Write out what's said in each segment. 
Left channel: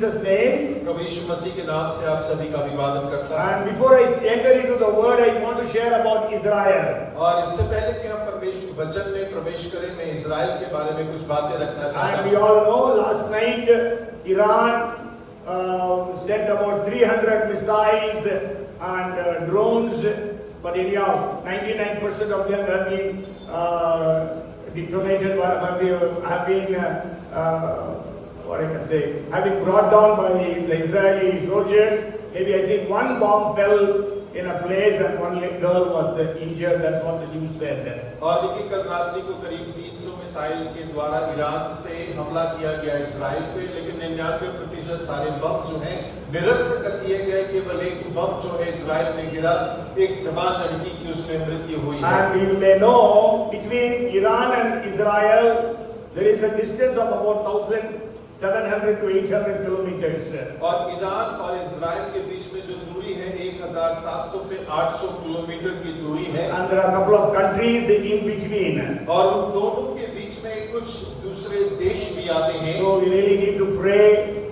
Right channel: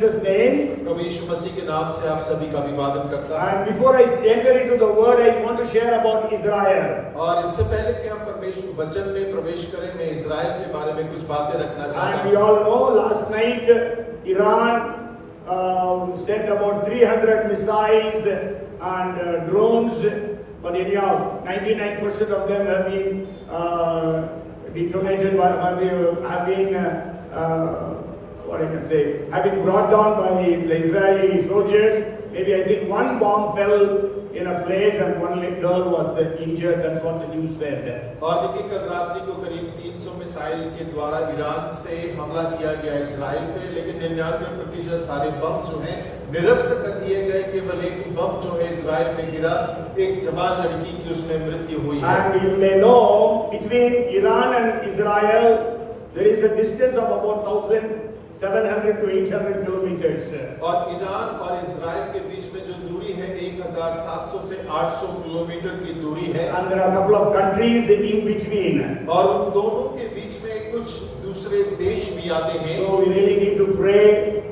Jesus' name. प्रभु यीशु मसीह के नाम से आप सभी का अभिवादन करता है। And before I enter into the word, I want to share about Israel. और इससे पहले कि हम परमेश्वर वचन में प्रवेश करें, मैं इज़राइल के बारे में कुछ बातें रखना चाहता And हूँ। we all know last night Iran sent about 300 missiles and drones, but anyhow, 99% of them have been detonated, have been what I can say, have been brought down by the Israeli soldiers. Maybe I think one bomb fell in a place and one girl was injured. That's what the news said. और देखिए कल रात्रि को करीब 300 missile के द्वारा Iran से हमला किया गया इस्राएल पे, लेकिन 99% सारे बम जो हैं निरस्त कर दिए गए। केवल एक बम जो है इस्राएल में गिरा, एक जवान लड़की की उसमें मृत्यु हुई है। And you may know between Iran and Israel there is a distance of about 1,700 to 800 kilometers. और ईरान और इस्राएल के बीच में जो दूरी है 1,700 से 800 किलोमीटर की दूरी है। And there are a couple of countries in between. और उन दोनों के बीच में कुछ दूसरे देश भी आते हैं। So we really need to pray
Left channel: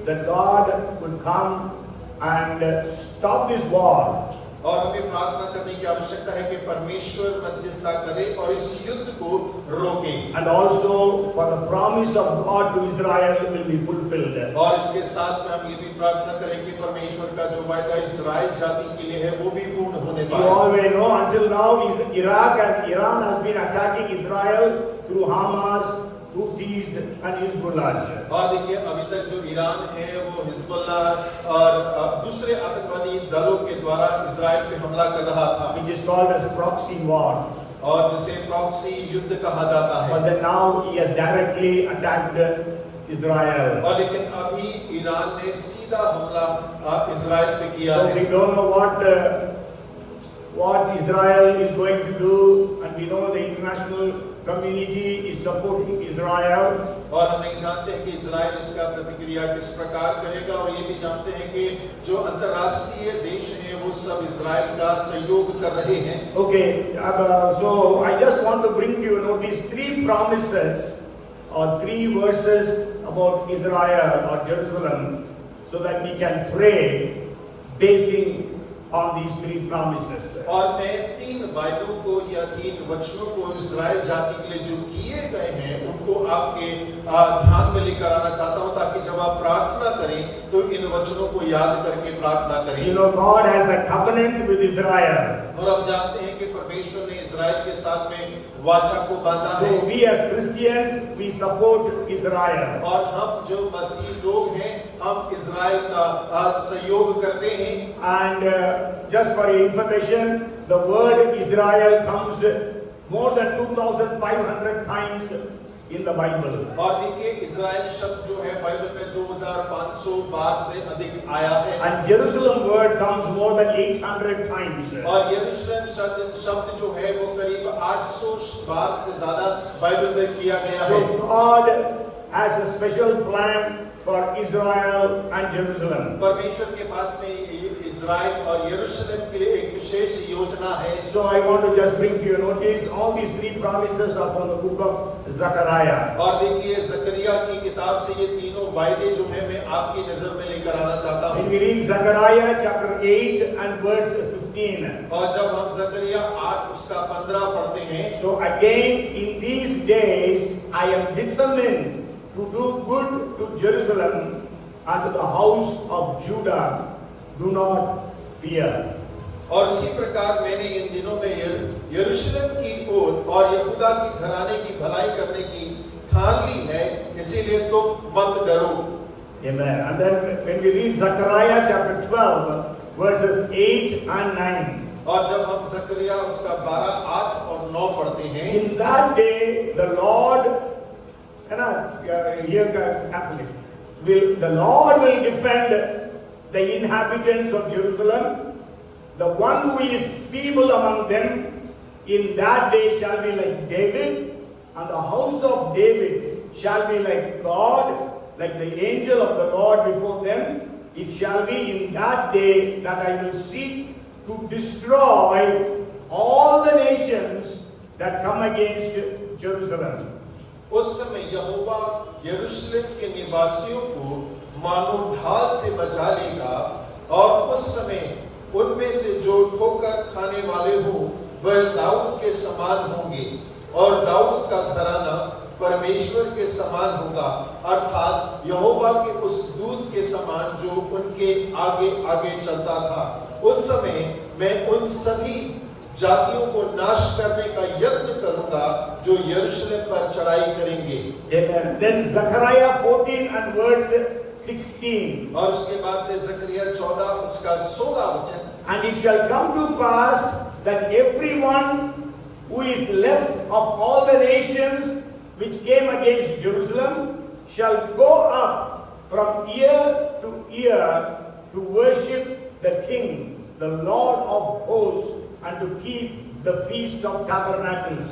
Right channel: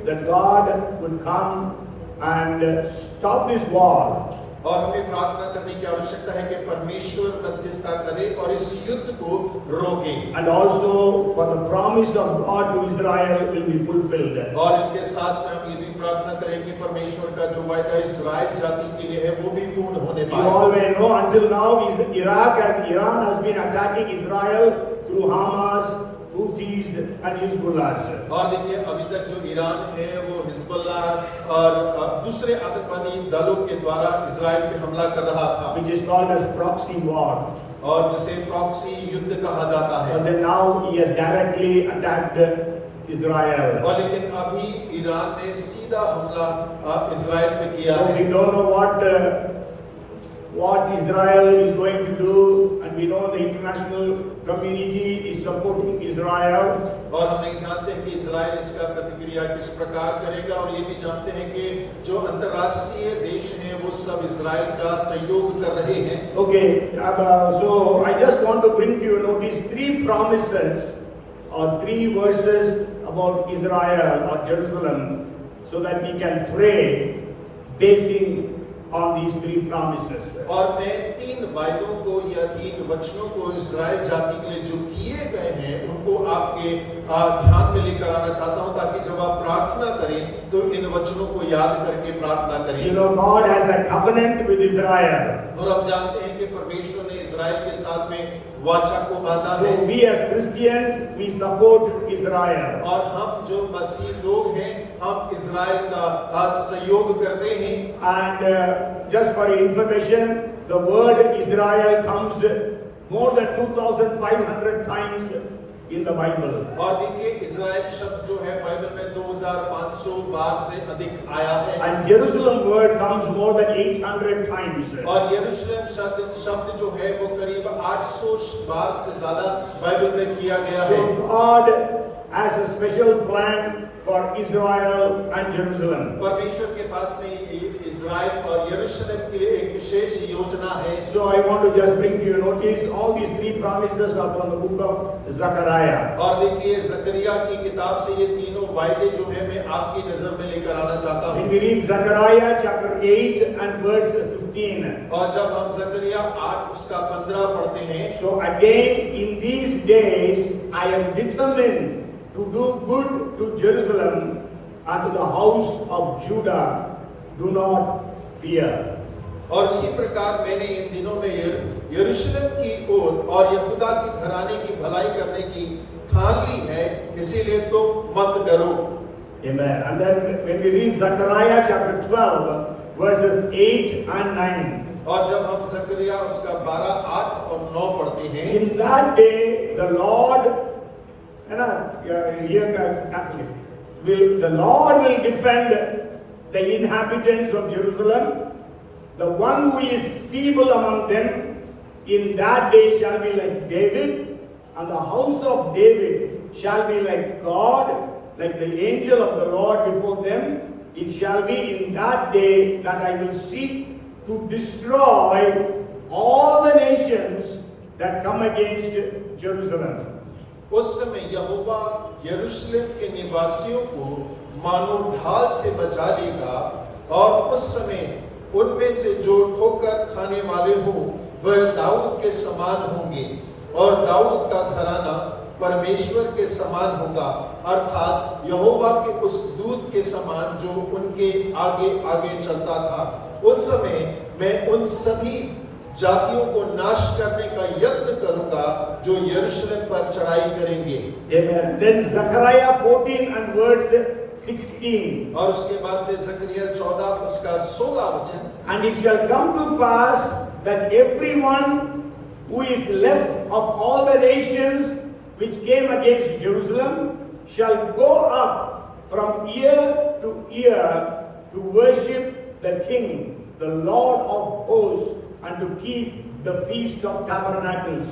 that God will come and stop this war. और हमें प्रार्थना करने की आवश्यकता है कि परमेश्वर मध्यस्थता करे और इस युद्ध को रोके। And also for the promise of God to Israel will be fulfilled. और इसके साथ में हम ये भी प्रार्थना करें कि परमेश्वर का जो वायदा इस्राएल जाति के लिए है वो भी पूर्ण होने You पाए। all may know until now Iran has been attacking Israel through Hamas, Houthis and Hezbollah. और देखिए अभी तक जो ईरान है वो हिजबुल्लाह और दूसरे आतंकवादी दलों के द्वारा इस्राएल पे हमला कर रहा था, Which is called as proxy war. और जिसे प्रॉक्सी युद्ध कहा जाता है। But then now he has directly attacked Israel. और लेकिन अभी ईरान ने सीधा हमला इस्राएल पे किया So है। we don't know what Israel is going to do, and we know the international community is supporting Israel. और हम नहीं जानते हैं कि इजराइल इसका प्रतिक्रिया किस प्रकार करेगा, और ये भी जानते हैं कि जो अंतर्राष्ट्रीय देश हैं वो सब इजराइल का सहयोग कर रहे हैं। Okay, so I just want to bring to your notice three promises or three verses about Israel or Jerusalem, so that we can pray basing on these three promises. और मैं तीन वायदों को या तीन वचनों को इजराइल जाति के लिए जो किए गए हैं उनको आपके ध्यान में लेकर आना चाहता हूं, ताकि जब आप प्रार्थना करें तो इन वचनों को याद करके प्रार्थना करें। You know, God has a covenant with Israel. और हम जानते हैं कि परमेश्वर ने इजराइल के साथ में वाचा को बांधा है। So we as Christians, we support Israel. और हम जो मसीह लोग हैं हम इजराइल का सहयोग करते हैं। And just for your information, the word Israel comes more than 2,500 times in the Bible. और देखिए इजराइल शब्द जो है बाइबल में 2,500 बार से अधिक आया है। And Jerusalem word comes more than 800 times. और यरूशलेम शब्द जो है वो करीब 800 बार से ज्यादा बाइबल में किया गया है। So God has a special plan for Israel and Jerusalem. परमेश्वर के पास में इजराइल और यरूशलेम के लिए एक विशेष योजना है। So I want to just bring to your notice all these three promises are from the book of Zechariah. और देखिए जकरिया की किताब से ये तीनों वायदे जो है मैं आपकी नजर में लेकर आना चाहता हूँ। When we read Zechariah chapter 8 and verse 15. और जब हम जकरिया 8 उसका 15 पढ़ते हैं, So again in these days I am determined to do good to Jerusalem and to the house of Judah. Do not fear. और इसी प्रकार मैंने इन दिनों में यरूशलेम की ओर और यहूदा के घराने की भलाई करने की ठान ली है, इसीलिए तुम मत डरो। Amen. And then when we read Zechariah chapter 12 verses 8 and 9. और जब हम जकरिया उसका 12, 8 और 9 पढ़ते हैं, In that day the Lord, the Lord will defend the inhabitants of Jerusalem. The one who is feeble among them in that day shall be like David, and the house of David shall be like God, like the angel of the Lord before them. It shall be in that day that I will seek to destroy all the nations that come against Jerusalem. उस समय यहोवा यरूशलेम के निवासियों को मानो ढाल से बचा लेगा, और उस समय उनमें से जो ठोकर खाने वाले हो वह दाऊद के समान होंगे, और दाऊद का घराना परमेश्वर के समान होगा, अर्थात यहोवा के उस दूत के समान जो उनके आगे आगे चलता था। उस समय मैं उन सभी जातियों को नाश करने का यत्न करूंगा जो यरूशलेम पर चढ़ाई करेंगे। Amen. Then Zechariah 14 and verse 16. और उसके बाद में जकरिया 14 उसका 16 वचन, And it shall come to pass that everyone who is left of all the nations which came against Jerusalem shall go up from year to year to worship the King, the Lord of hosts, and to keep the feast of tabernacles.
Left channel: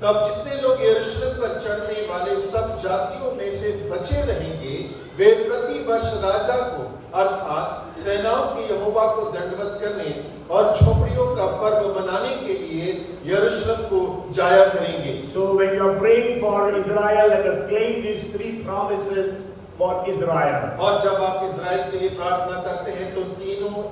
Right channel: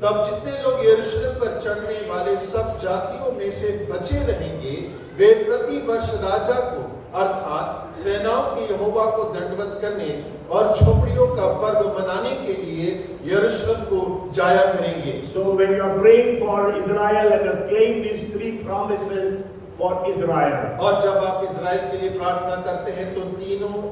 तब जितने लोग यरूशलेम पर चढ़ने वाले सब जातियों में से बचे रहेंगे, वे प्रति वर्ष राजा को अर्थात सेनाओं के यहोवा को दंडवत करने और झोपड़ियों का पर्व मनाने के लिए यरूशलेम को जाया करेंगे। So when you are praying for Israel, let us claim these three promises for Israel. और जब आप इस्राएल के लिए प्रार्थना करते हैं तो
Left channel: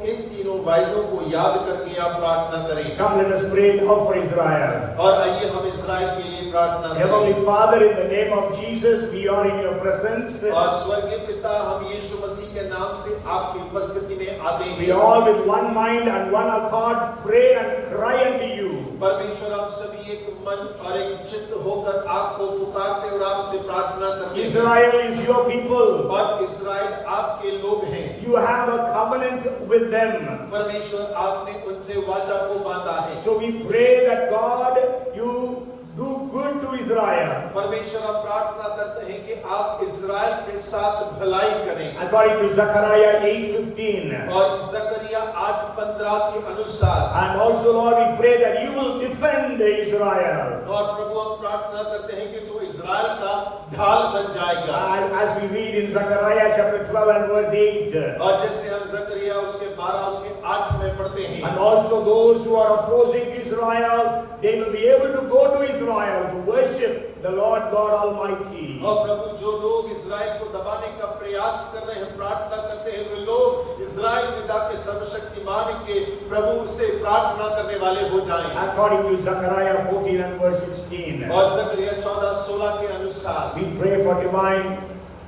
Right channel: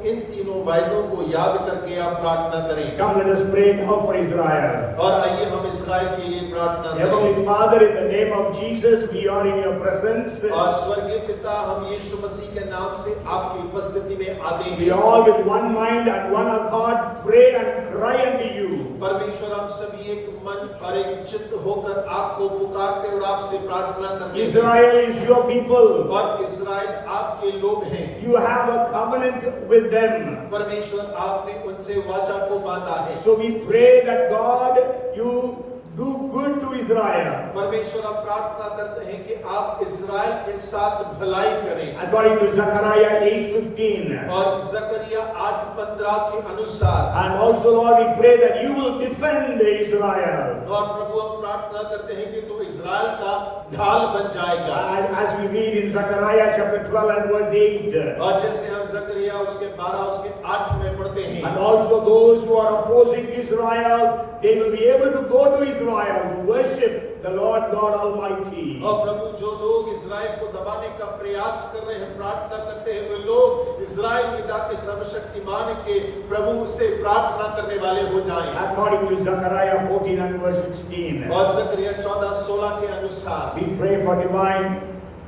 इन तीनों वायदों को याद करके आप प्रार्थना करें। Come, let us pray now for Israel. और आइए हम इस्राएल के लिए प्रार्थना करें। Heavenly Father, in the name of Jesus, we are in your presence. और स्वर्गीय पिता, हम यीशु मसीह के नाम से आपकी उपस्थिति में आते We हैं। all with one mind and one accord pray and cry unto you. परमेश्वर, हम सभी एक मन और एक चित्त होकर आपको पुकारते और आपसे प्रार्थना करते हैं। Israel is your people. और इस्राएल आपके लोग हैं। You have a covenant with them. परमेश्वर, आपने उनसे वाचा को बांधा है। So we pray that God, you do good to Israel. परमेश्वर, हम प्रार्थना करते हैं कि आप इस्राएल के साथ भलाई करें। According to Zechariah 8:15. और जकरिया 8:15 के अनुसार। And also, Lord, we pray that you will defend Israel. और प्रभु, हम प्रार्थना करते हैं कि तू इस्राएल का ढाल बन जाएगा। As we read in Zechariah chapter 12 and verse 8. और जैसे हम जकरिया उसके 12 उसके 8 में पढ़ते हैं। And also those who are opposing Israel, they will be able to go to Israel to worship the Lord God Almighty. और प्रभु, जो लोग इस्राएल को दबाने का प्रयास कर रहे हैं, प्रार्थना करते हैं, वे लोग इस्राएल में जाकर सर्वशक्तिमान के प्रभु से प्रार्थना करने वाले हो जाएं। According to Zechariah 14 and verse 16. और जकरिया 14:16 के अनुसार We pray for divine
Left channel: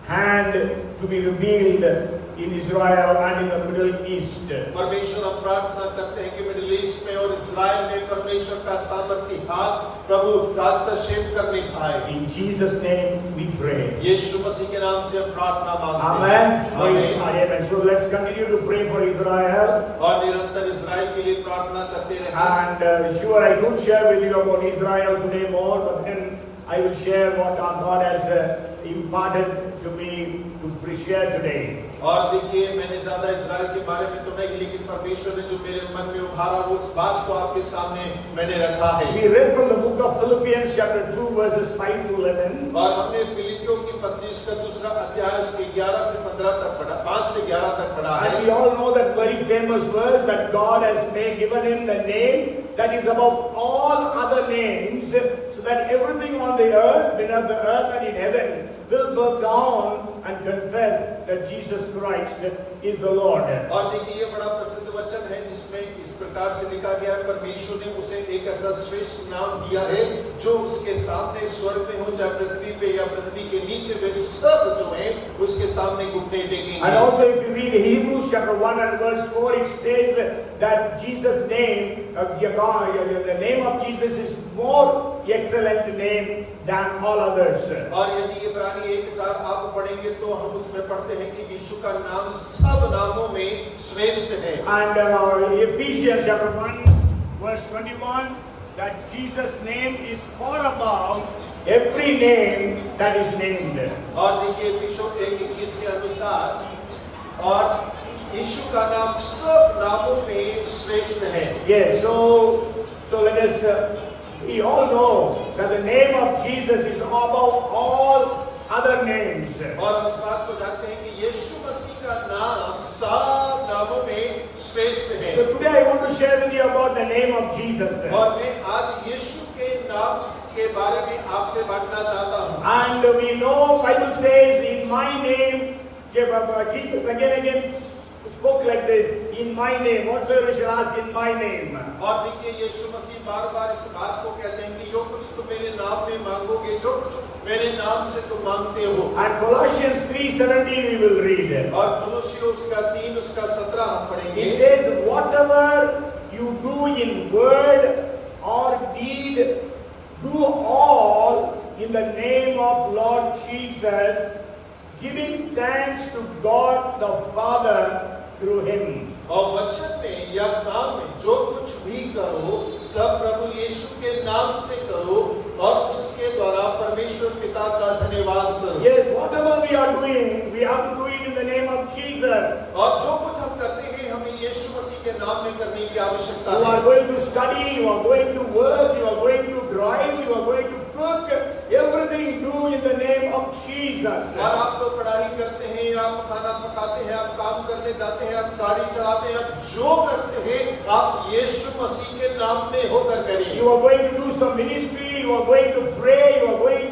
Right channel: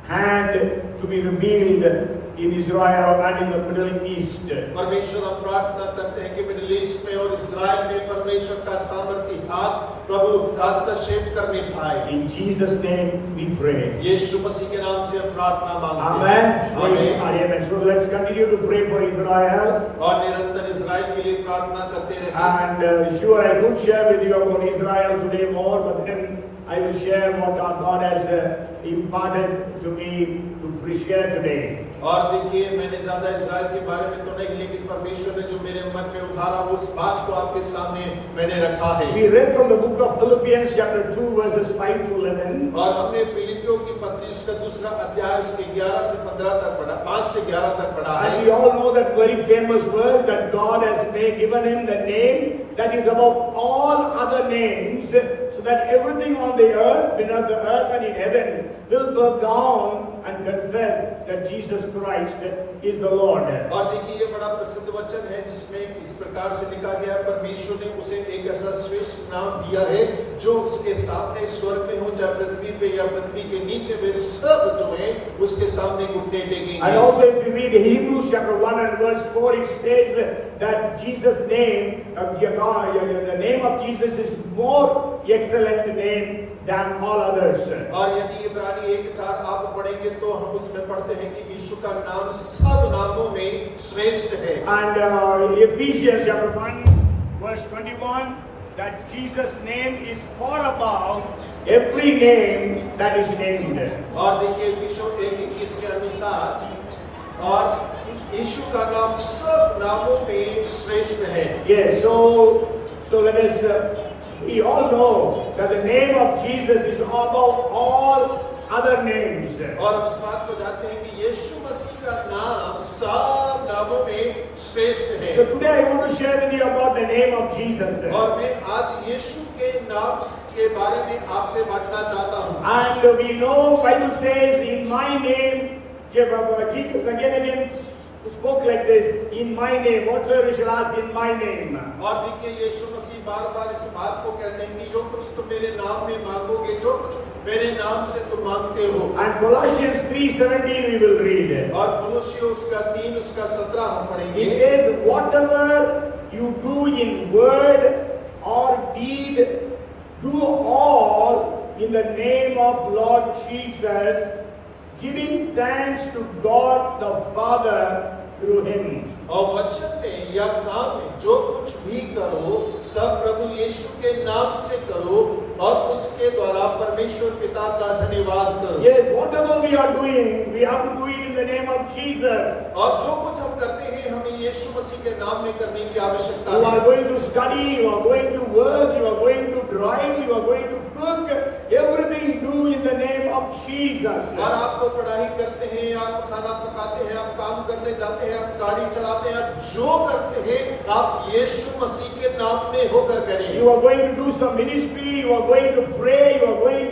hand to be revealed in Israel and in the Middle East. परमेश्वर, हम प्रार्थना करते हैं कि मिडिल ईस्ट में और इस्राएल में परमेश्वर का सामर्थ्य हाथ प्रभु हस्तक्षेप करने पाए। In Jesus' name we pray. यीशु मसीह के नाम से हम प्रार्थना मांगते Amen. हैं। Praise आमीन। God. So let's continue to pray for Israel. और निरंतर इस्राएल के लिए प्रार्थना करते रहें। And sure, I would share with you about Israel today more, but then I will share what our God has imparted to me to share today. और देखिए, मैंने ज्यादा इस्राएल के बारे में तो नहीं, लेकिन परमेश्वर ने जो मेरे मन में उभारा उस बात को आपके सामने मैंने रखा है। We read from the book of Philippians chapter 2 verses 5 to 11. और हमने फिलिपियों की पत्री उसका दूसरा अध्याय उसके 11 से 15 तक पढ़ा, 5 से 11 तक पढ़ा है। And we all know that very famous verse that God has given him the name that is above all other names, so that everything on the earth, beneath the earth and in heaven will bow down and confess that Jesus Christ is the Lord. और देखिए, ये बड़ा प्रसिद्ध वचन है जिसमें इस प्रकार से लिखा गया है, परमेश्वर ने उसे एक ऐसा श्रेष्ठ नाम दिया है जो उसके सामने स्वर्ग में हो चाहे पृथ्वी पे या पृथ्वी के नीचे, वे सब जो हैं उसके सामने घुटने टेकेंगे। And also if you read Hebrews chapter 1 and verse 4, it says that Jesus' name, the name of Jesus is more excellent name than all others. और यदि इब्रानी 1:4 आप पढ़ेंगे तो हम उसमें पढ़ते हैं कि यीशु का नाम सब नामों में श्रेष्ठ है। And Ephesians chapter 1 verse 21, that Jesus' name is far above every name that is named. और देखिए इफिसियों 1:21 के अनुसार, और यीशु का नाम सब नामों में श्रेष्ठ है। Yes, so let us we all know that the name of Jesus is above all other names. और हम इस बात को जानते हैं कि यीशु मसीह का नाम सब नामों में श्रेष्ठ है। So today I want to share with you about the name of Jesus. और मैं आज यीशु के नाम के बारे में आपसे बांटना चाहता हूँ। And we know Bible says in my name, Jesus again and again spoke like this, in my name, whatsoever you shall ask in my name. और देखिए यीशु मसीह बार-बार इस बात को कहते हैं कि जो कुछ तुम मेरे नाम में मांगोगे, जो कुछ मेरे नाम से तुम मांगते हो। And Colossians 3:17 we will read. और कुलुस्सियों उसका 3 उसका 17 हम पढ़ेंगे। It says, whatever you do in word or deed, do all in the name of Lord Jesus, giving thanks to God the Father through him. और वचन में या काम में जो कुछ भी करो सब प्रभु यीशु के नाम से करो और उसके द्वारा परमेश्वर पिता का धन्यवाद करो। Yes, whatever we are doing, we have to do it in the name of Jesus. और जो कुछ हम करते हैं हमें यीशु मसीह के नाम में करने की आवश्यकता You है। are going to study, you are going to work, you are going to drive, you are going to cook, everything do in the name of Jesus. और आप पढ़ाई करते हैं, आप खाना पकाते हैं, आप काम करने जाते हैं, आप गाड़ी चलाते हैं, आप जो करते हैं आप यीशु मसीह के नाम में होकर करें। You are going to do some ministry, you are going to pray, you are going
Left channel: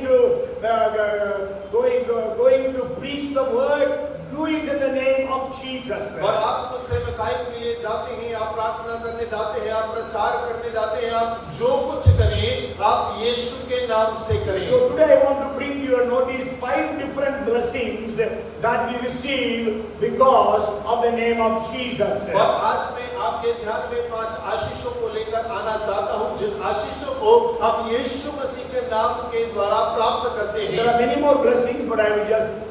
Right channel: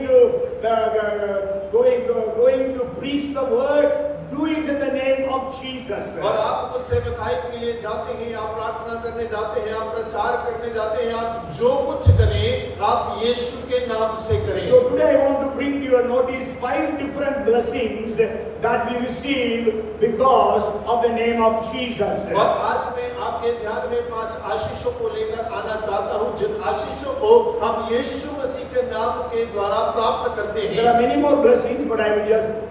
to preach the word. Do it in the name of Jesus. और आप तो सेवकाई के लिए जाते हैं, आप प्रार्थना करने जाते हैं, आप प्रचार करने जाते हैं, आप जो कुछ करें आप यीशु के नाम से करें। So today I want to bring to your notice 5 different blessings that we receive because of the name of Jesus. और आज मैं आपके ध्यान में 5 आशीषों को लेकर आना चाहता हूं जिन आशीषों को हम यीशु मसीह के नाम के द्वारा प्राप्त करते हैं। There are many more blessings, but I will just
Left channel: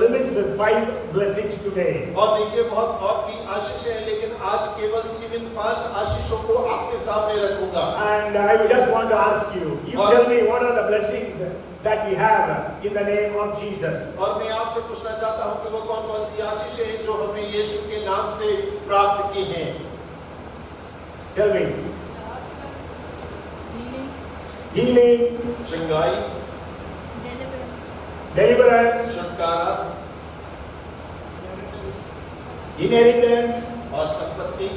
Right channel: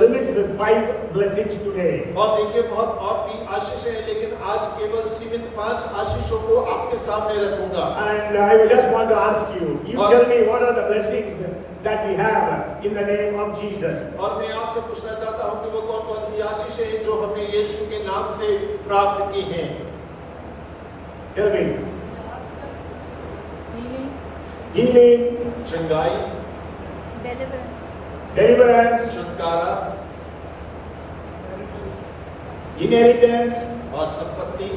limit the 5 blessings today. और देखिए बहुत और भी आशीष है लेकिन आज केवल सीमित 5 आशीषों को आपके सामने रखूंगा। And I will just want to ask you, tell me what are the blessings that we have in the name of Jesus. और मैं आपसे पूछना चाहता हूं कि वो कौन-कौन सी आशीष है जो हमने यीशु के नाम से प्राप्त की हैं। Tell me. Healing, चंगाई, deliverance, छुटकारा, inheritance, और संपत्ति।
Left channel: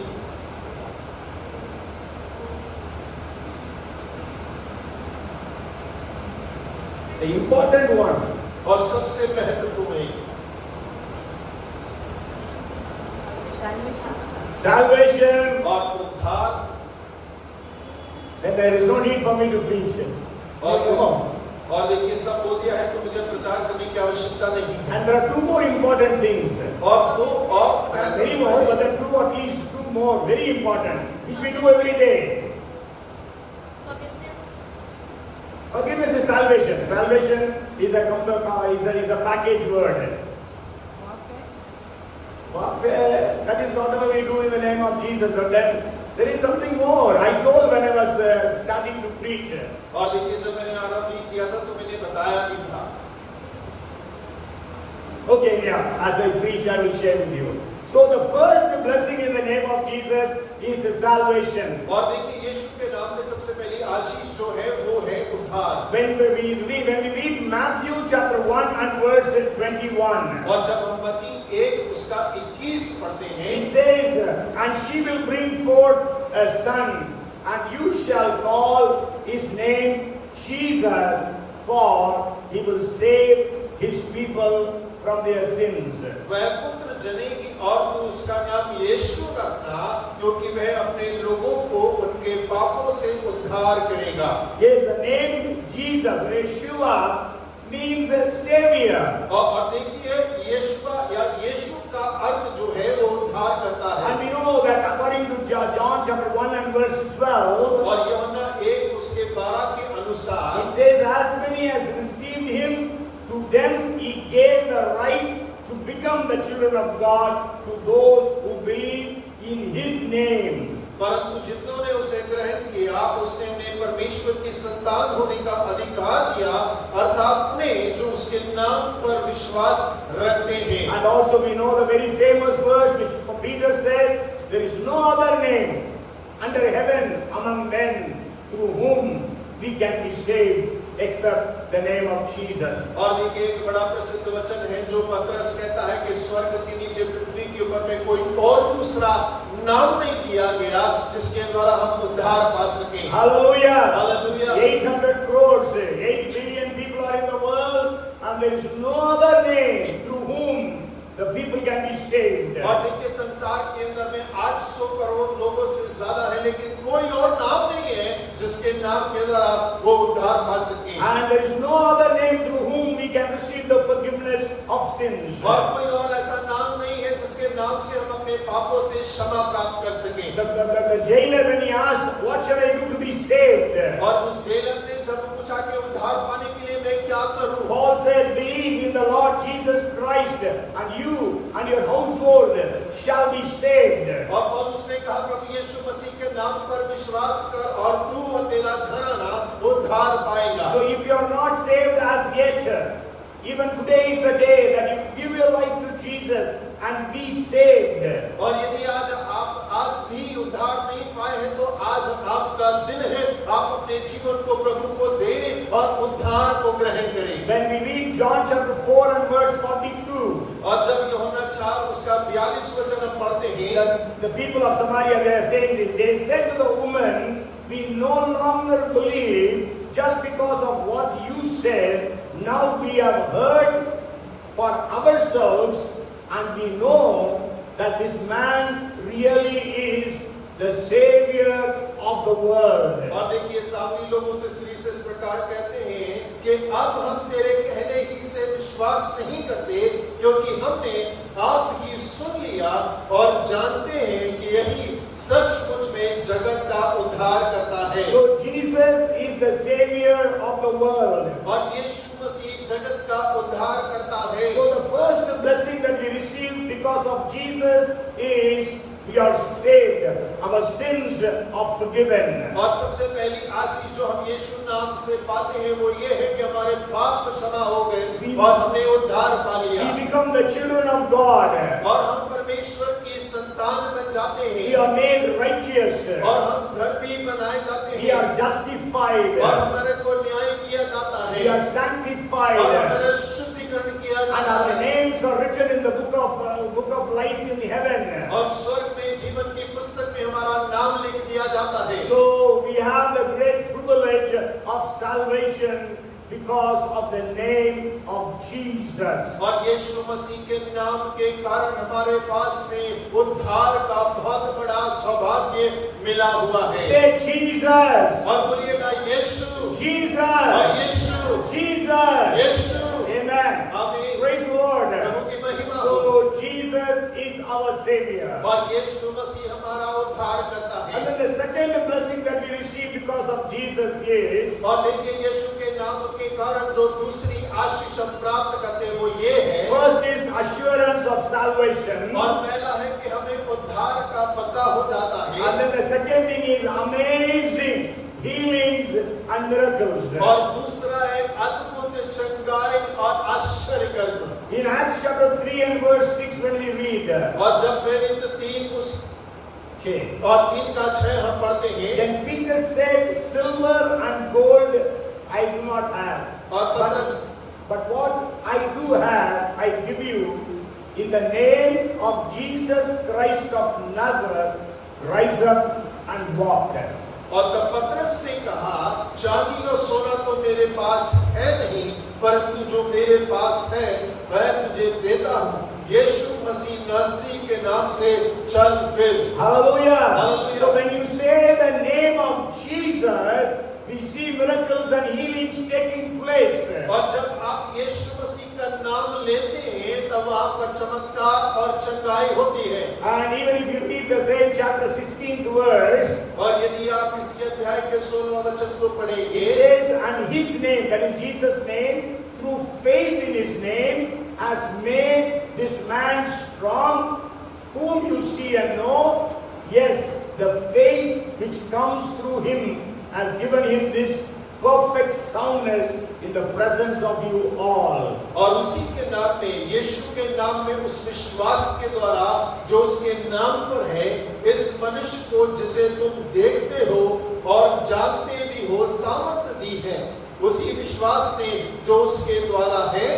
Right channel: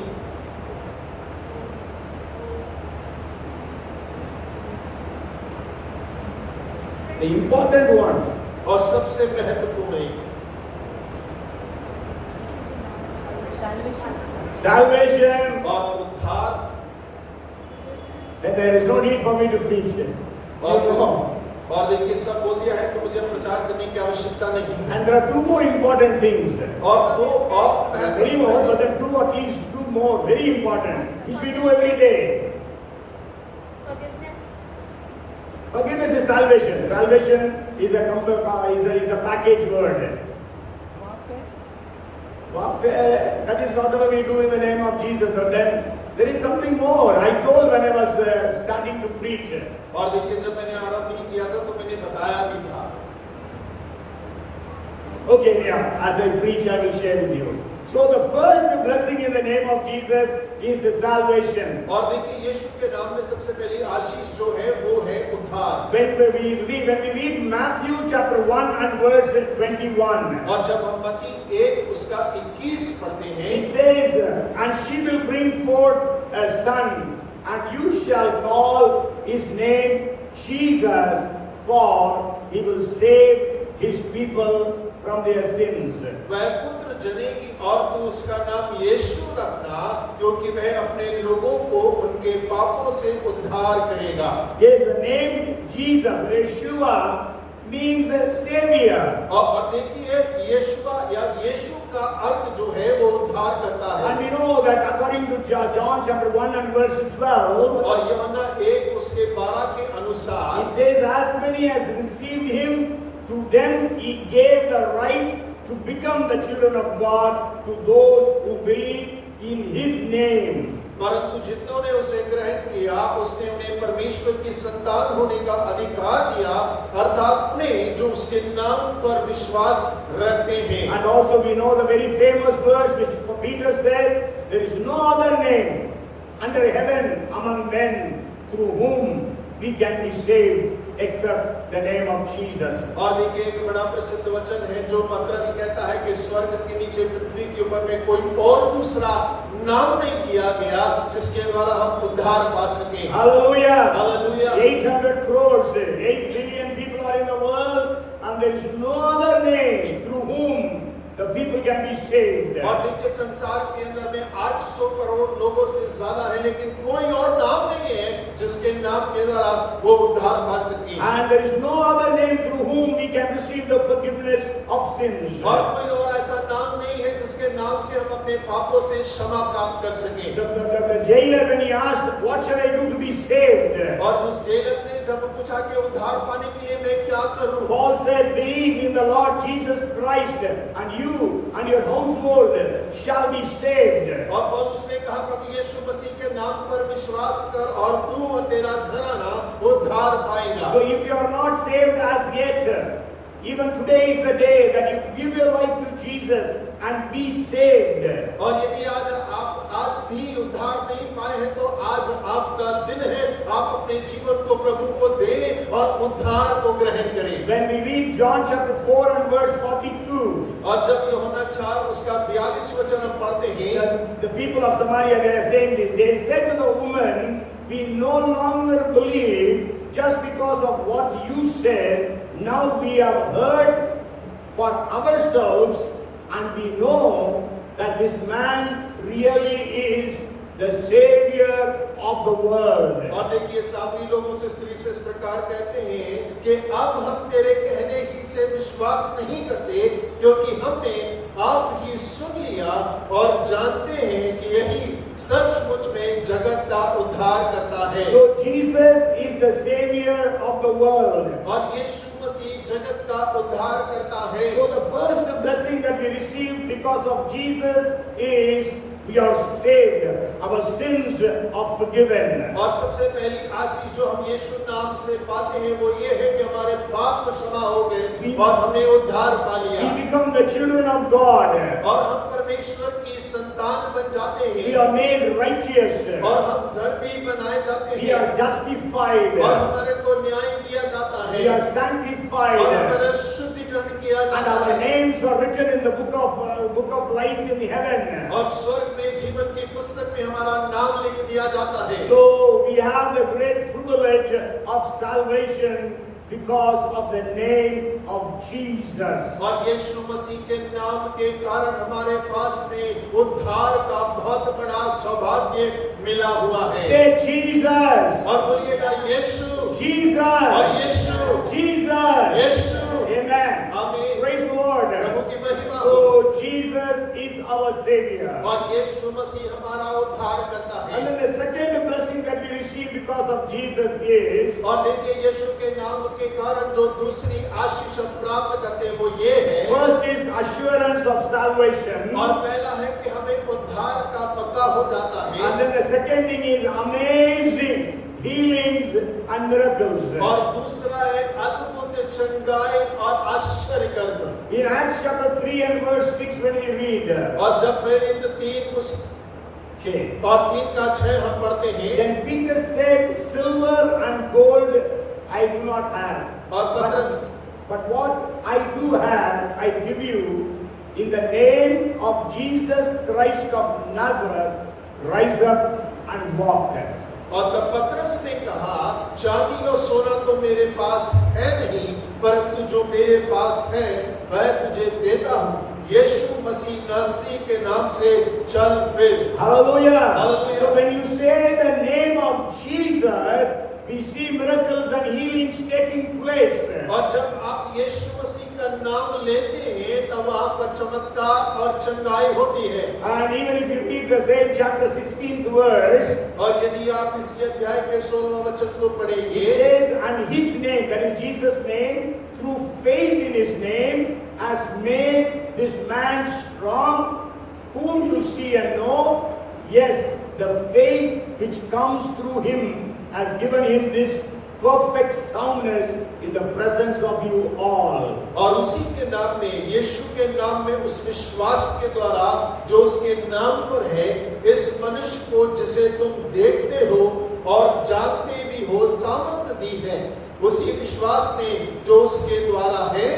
the important one, और सबसे महत्वपूर्ण है salvation. और उद्धार। Then there is no need for me to preach. और देखिए सब बोल दिया है तो मुझे प्रचार करने की आवश्यकता नहीं है। And there are 2 more important things. और 2 और Very more, but there are 2 at least 2 more very important, which we do every day. Forgiveness is salvation. Salvation is a package word. Warfare, that is whatever we do in the name of Jesus. But then there is something more. I told when I was starting to preach. और देखिए जब मैंने आरंभ किया था तो मैंने बताया भी था। Okay, yeah, as I preach, I will share with you. So the first blessing in the name of Jesus is the salvation. और देखिए यीशु के नाम में सबसे पहली आशीष जो है वो है उद्धार। When we read Matthew chapter 1 and verse 21. और जब हम मत्ती 1 उसका 21 पढ़ते हैं, It says, and she will bring forth a son, and you shall call his name Jesus, for he will save his people from their sins. वह पुत्र जनेगी और तू उसका नाम यीशु रखना क्योंकि वह अपने लोगों को उनके पापों से उद्धार करेगा। Yes, the name Jesus, Yeshua, means savior. और देखिए यीशुआ या यीशु का अर्थ जो है वो उद्धार करता है। And we know that according to John chapter 1 and verse 12, और यूहन्ना 1 उसके 12 के अनुसार it says, as many as received him, to them he gave the right to become the children of God, to those who believe in his name. परंतु जितनों ने उसे ग्रहण किया उसने उन्हें परमेश्वर की संतान होने का अधिकार दिया, अर्थात उन्हें जो उसके नाम पर विश्वास रखते हैं। And also we know the very famous verse which Peter said, there is no other name under heaven among men through whom we can be saved except the name of Jesus. और देखिए एक बड़ा प्रसिद्ध वचन है जो पतरस कहता है कि स्वर्ग के नीचे पृथ्वी के ऊपर में कोई और दूसरा नाम नहीं दिया गया जिसके द्वारा हम उद्धार पा सके। Hallelujah. Hallelujah. 8 8 billion people are in the world, and there is no other name through whom the people can be saved. और देखिए संसार के अंदर में 800 करोड़ लोगों से ज्यादा है, लेकिन कोई और नाम नहीं है जिसके नाम के द्वारा वो उद्धार पा सके। And there is no other name through whom we can receive the forgiveness of sins. और कोई और ऐसा नाम नहीं है जिसके नाम से हम अपने पापों से क्षमा प्राप्त कर सकें। The jailer, when he asked, "What shall I do to be saved?" और उस जेलर ने जब पूछा कि उद्धार पाने के लिए मैं क्या करूं? Paul said, "Believe in the Lord Jesus Christ, and you and your household shall be saved." और पौलुस ने कहा प्रभु यीशु मसीह के नाम पर विश्वास कर और तू और तेरा घराना उद्धार पाएगा। So if you are not saved as yet, even today is the day that you give your life to Jesus and be saved. और यदि आज भी उद्धार नहीं पाए हैं तो आज आपका दिन है, आप अपने जीवन को प्रभु को दें और उद्धार को ग्रहण करें। When we read John chapter 4 and verse 42, और जब यूहन्ना 4 उसका 42 वचन हम पढ़ते हैं, the people of Samaria, they are saying this. They said to the woman, "We no longer believe just because of what you said. Now we have heard for ourselves, and we know that this man really is the Savior of the world." और देखिए सामरी लोग उस स्त्री से इस प्रकार कहते हैं कि अब हम तेरे कहने ही से विश्वास नहीं करते, क्योंकि हमने आप ही सुन लिया और जानते हैं कि यही सचमुच में जगत का उद्धार करता है। So Jesus is the Savior of the world. और यीशु मसीह जगत का उद्धार करता है। So the first blessing that we receive because of Jesus is we are saved. Our sins are forgiven. और सबसे पहली आशीष जो हम यीशु नाम से पाते हैं वो ये है कि हमारे पाप क्षमा हो गए और हमने उद्धार पा लिया। We become the children of God. और हम परमेश्वर की संतान बन जाते We हैं are made righteous. और हम धर्मी बनाए जाते We हैं are justified. और हमारे को न्याय किया जाता है We are और sanctified. हमारा शुद्धिकरण किया And जाता our है names are written in the book of life in the heaven. और स्वर्ग में जीवन की पुस्तक में हमारा नाम लिख दिया जाता है। So we have the great privilege of salvation because of the name of Jesus. और यीशु मसीह के नाम के कारण हमारे पास में उद्धार का बहुत बड़ा सौभाग्य मिला हुआ है। Say Jesus. और बोलिएगा यीशु, Jesus. और यीशु, Jesus. यीशु। Amen. आमीन। Praise the Lord. प्रभु की महिमा हो। So Jesus is our Savior. और यीशु मसीह हमारा उद्धार करता है। And then the second blessing that we receive because of Jesus is और देखिए यीशु के नाम के कारण जो दूसरी आशीष हम प्राप्त करते हैं वो ये है। first is assurance of salvation. और पहला है कि हमें उद्धार का पता हो जाता है। And then the second thing is amazing healings and miracles. और दूसरा है अद्भुत चंगाई और आश्चर्य कर्म। In Acts chapter 3 and verse 6 when we read, और जब प्रेरित 3 और 3 का 6 हम पढ़ते हैं, then Peter said, "Silver and gold I do not have, but what I do have I give you. In the name of Jesus Christ of Nazareth, rise up and walk." और तब पतरस ने कहा, चांदी और सोना तो मेरे पास है नहीं, परंतु जो मेरे पास है मैं तुझे देता हूँ। यीशु मसीह नासरी के नाम से चल फिर। Hallelujah. Hallelujah. So when you say the name of Jesus, we see miracles and healings taking place. और जब आप यीशु मसीह का नाम लेते हैं तब वहाँ पर चमत्कार और चंगाई होती है। And even if you read the same chapter 16th verse, और यदि आप इसी अध्याय के 16वें वचन को it पढ़ेंगे, says, "And his name," that is Jesus' name, "through faith in his name, has made this man strong, whom you see and know. Yes, the faith which comes through him has given him this perfect soundness in the presence of you all." और उसी के नाम में, यीशु के नाम में, उस विश्वास के द्वारा जो उसके नाम पर है, इस मनुष्य को जिसे तुम देखते हो और जानते भी हो सामर्थ्य दी है। उसी विश्वास ने जो उसके द्वारा है,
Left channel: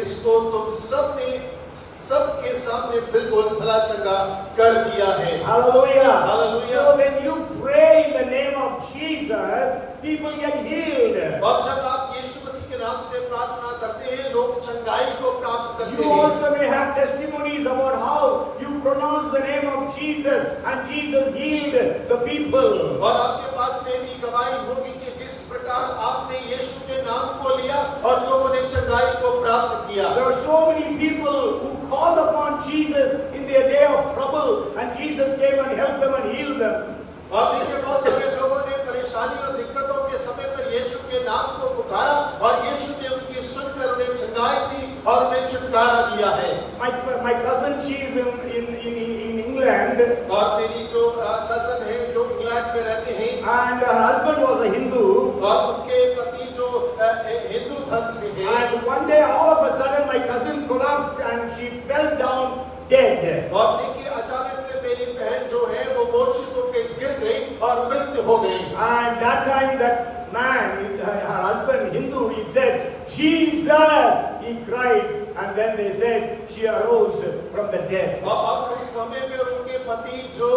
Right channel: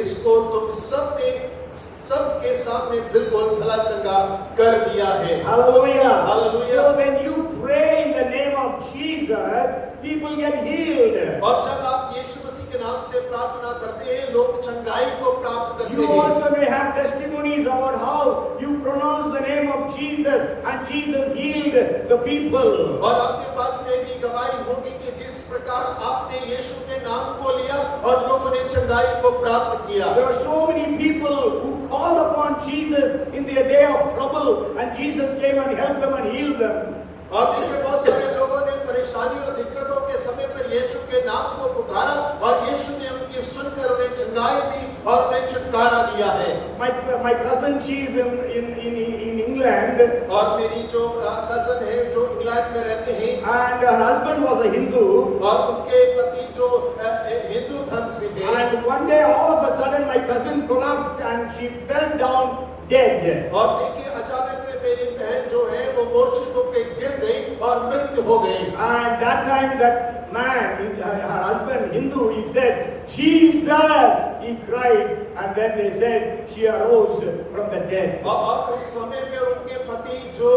इसको तुम सबके सामने बिल्कुल भला चंगा कर दिया है। Hallelujah. Hallelujah. So when you pray in the name of Jesus, people get healed. और जब आप यीशु मसीह के नाम से प्रार्थना करते हैं, लोग चंगाई को प्राप्त करते You हैं। also may have testimonies about how you pronounce the name of Jesus and Jesus healed the people. और आपके पास में भी गवाही होगी कि जिस प्रकार आपने यीशु के नाम को लिया और लोगों ने चंगाई को प्राप्त किया। There are so many people who called upon Jesus in their day of trouble and Jesus came and helped them and healed them. और देखिए बहुत सारे लोगों ने परेशानी और दिक्कतों के समय पर यीशु के नाम को पुकारा और यीशु ने उनकी सुनकर उन्हें चंगाई दी और उन्हें छुटकारा दिया है। My cousin, she is in England, और मेरी जो कजन है जो इंग्लैंड में रहते हैं and her husband was a Hindu. और उनके पति जो हिंदू धर्म से हैं, And one day, all of a sudden, my cousin collapsed and she fell down dead. और देखिए अचानक से मेरी बहन जो है वो मूर्छित होकर गिर गई और मृत्यु हो गई। And that time, that man, her husband, Hindu, he said, Jesus! He cried, and then they said she arose from the dead. और उस समय में उनके पति जो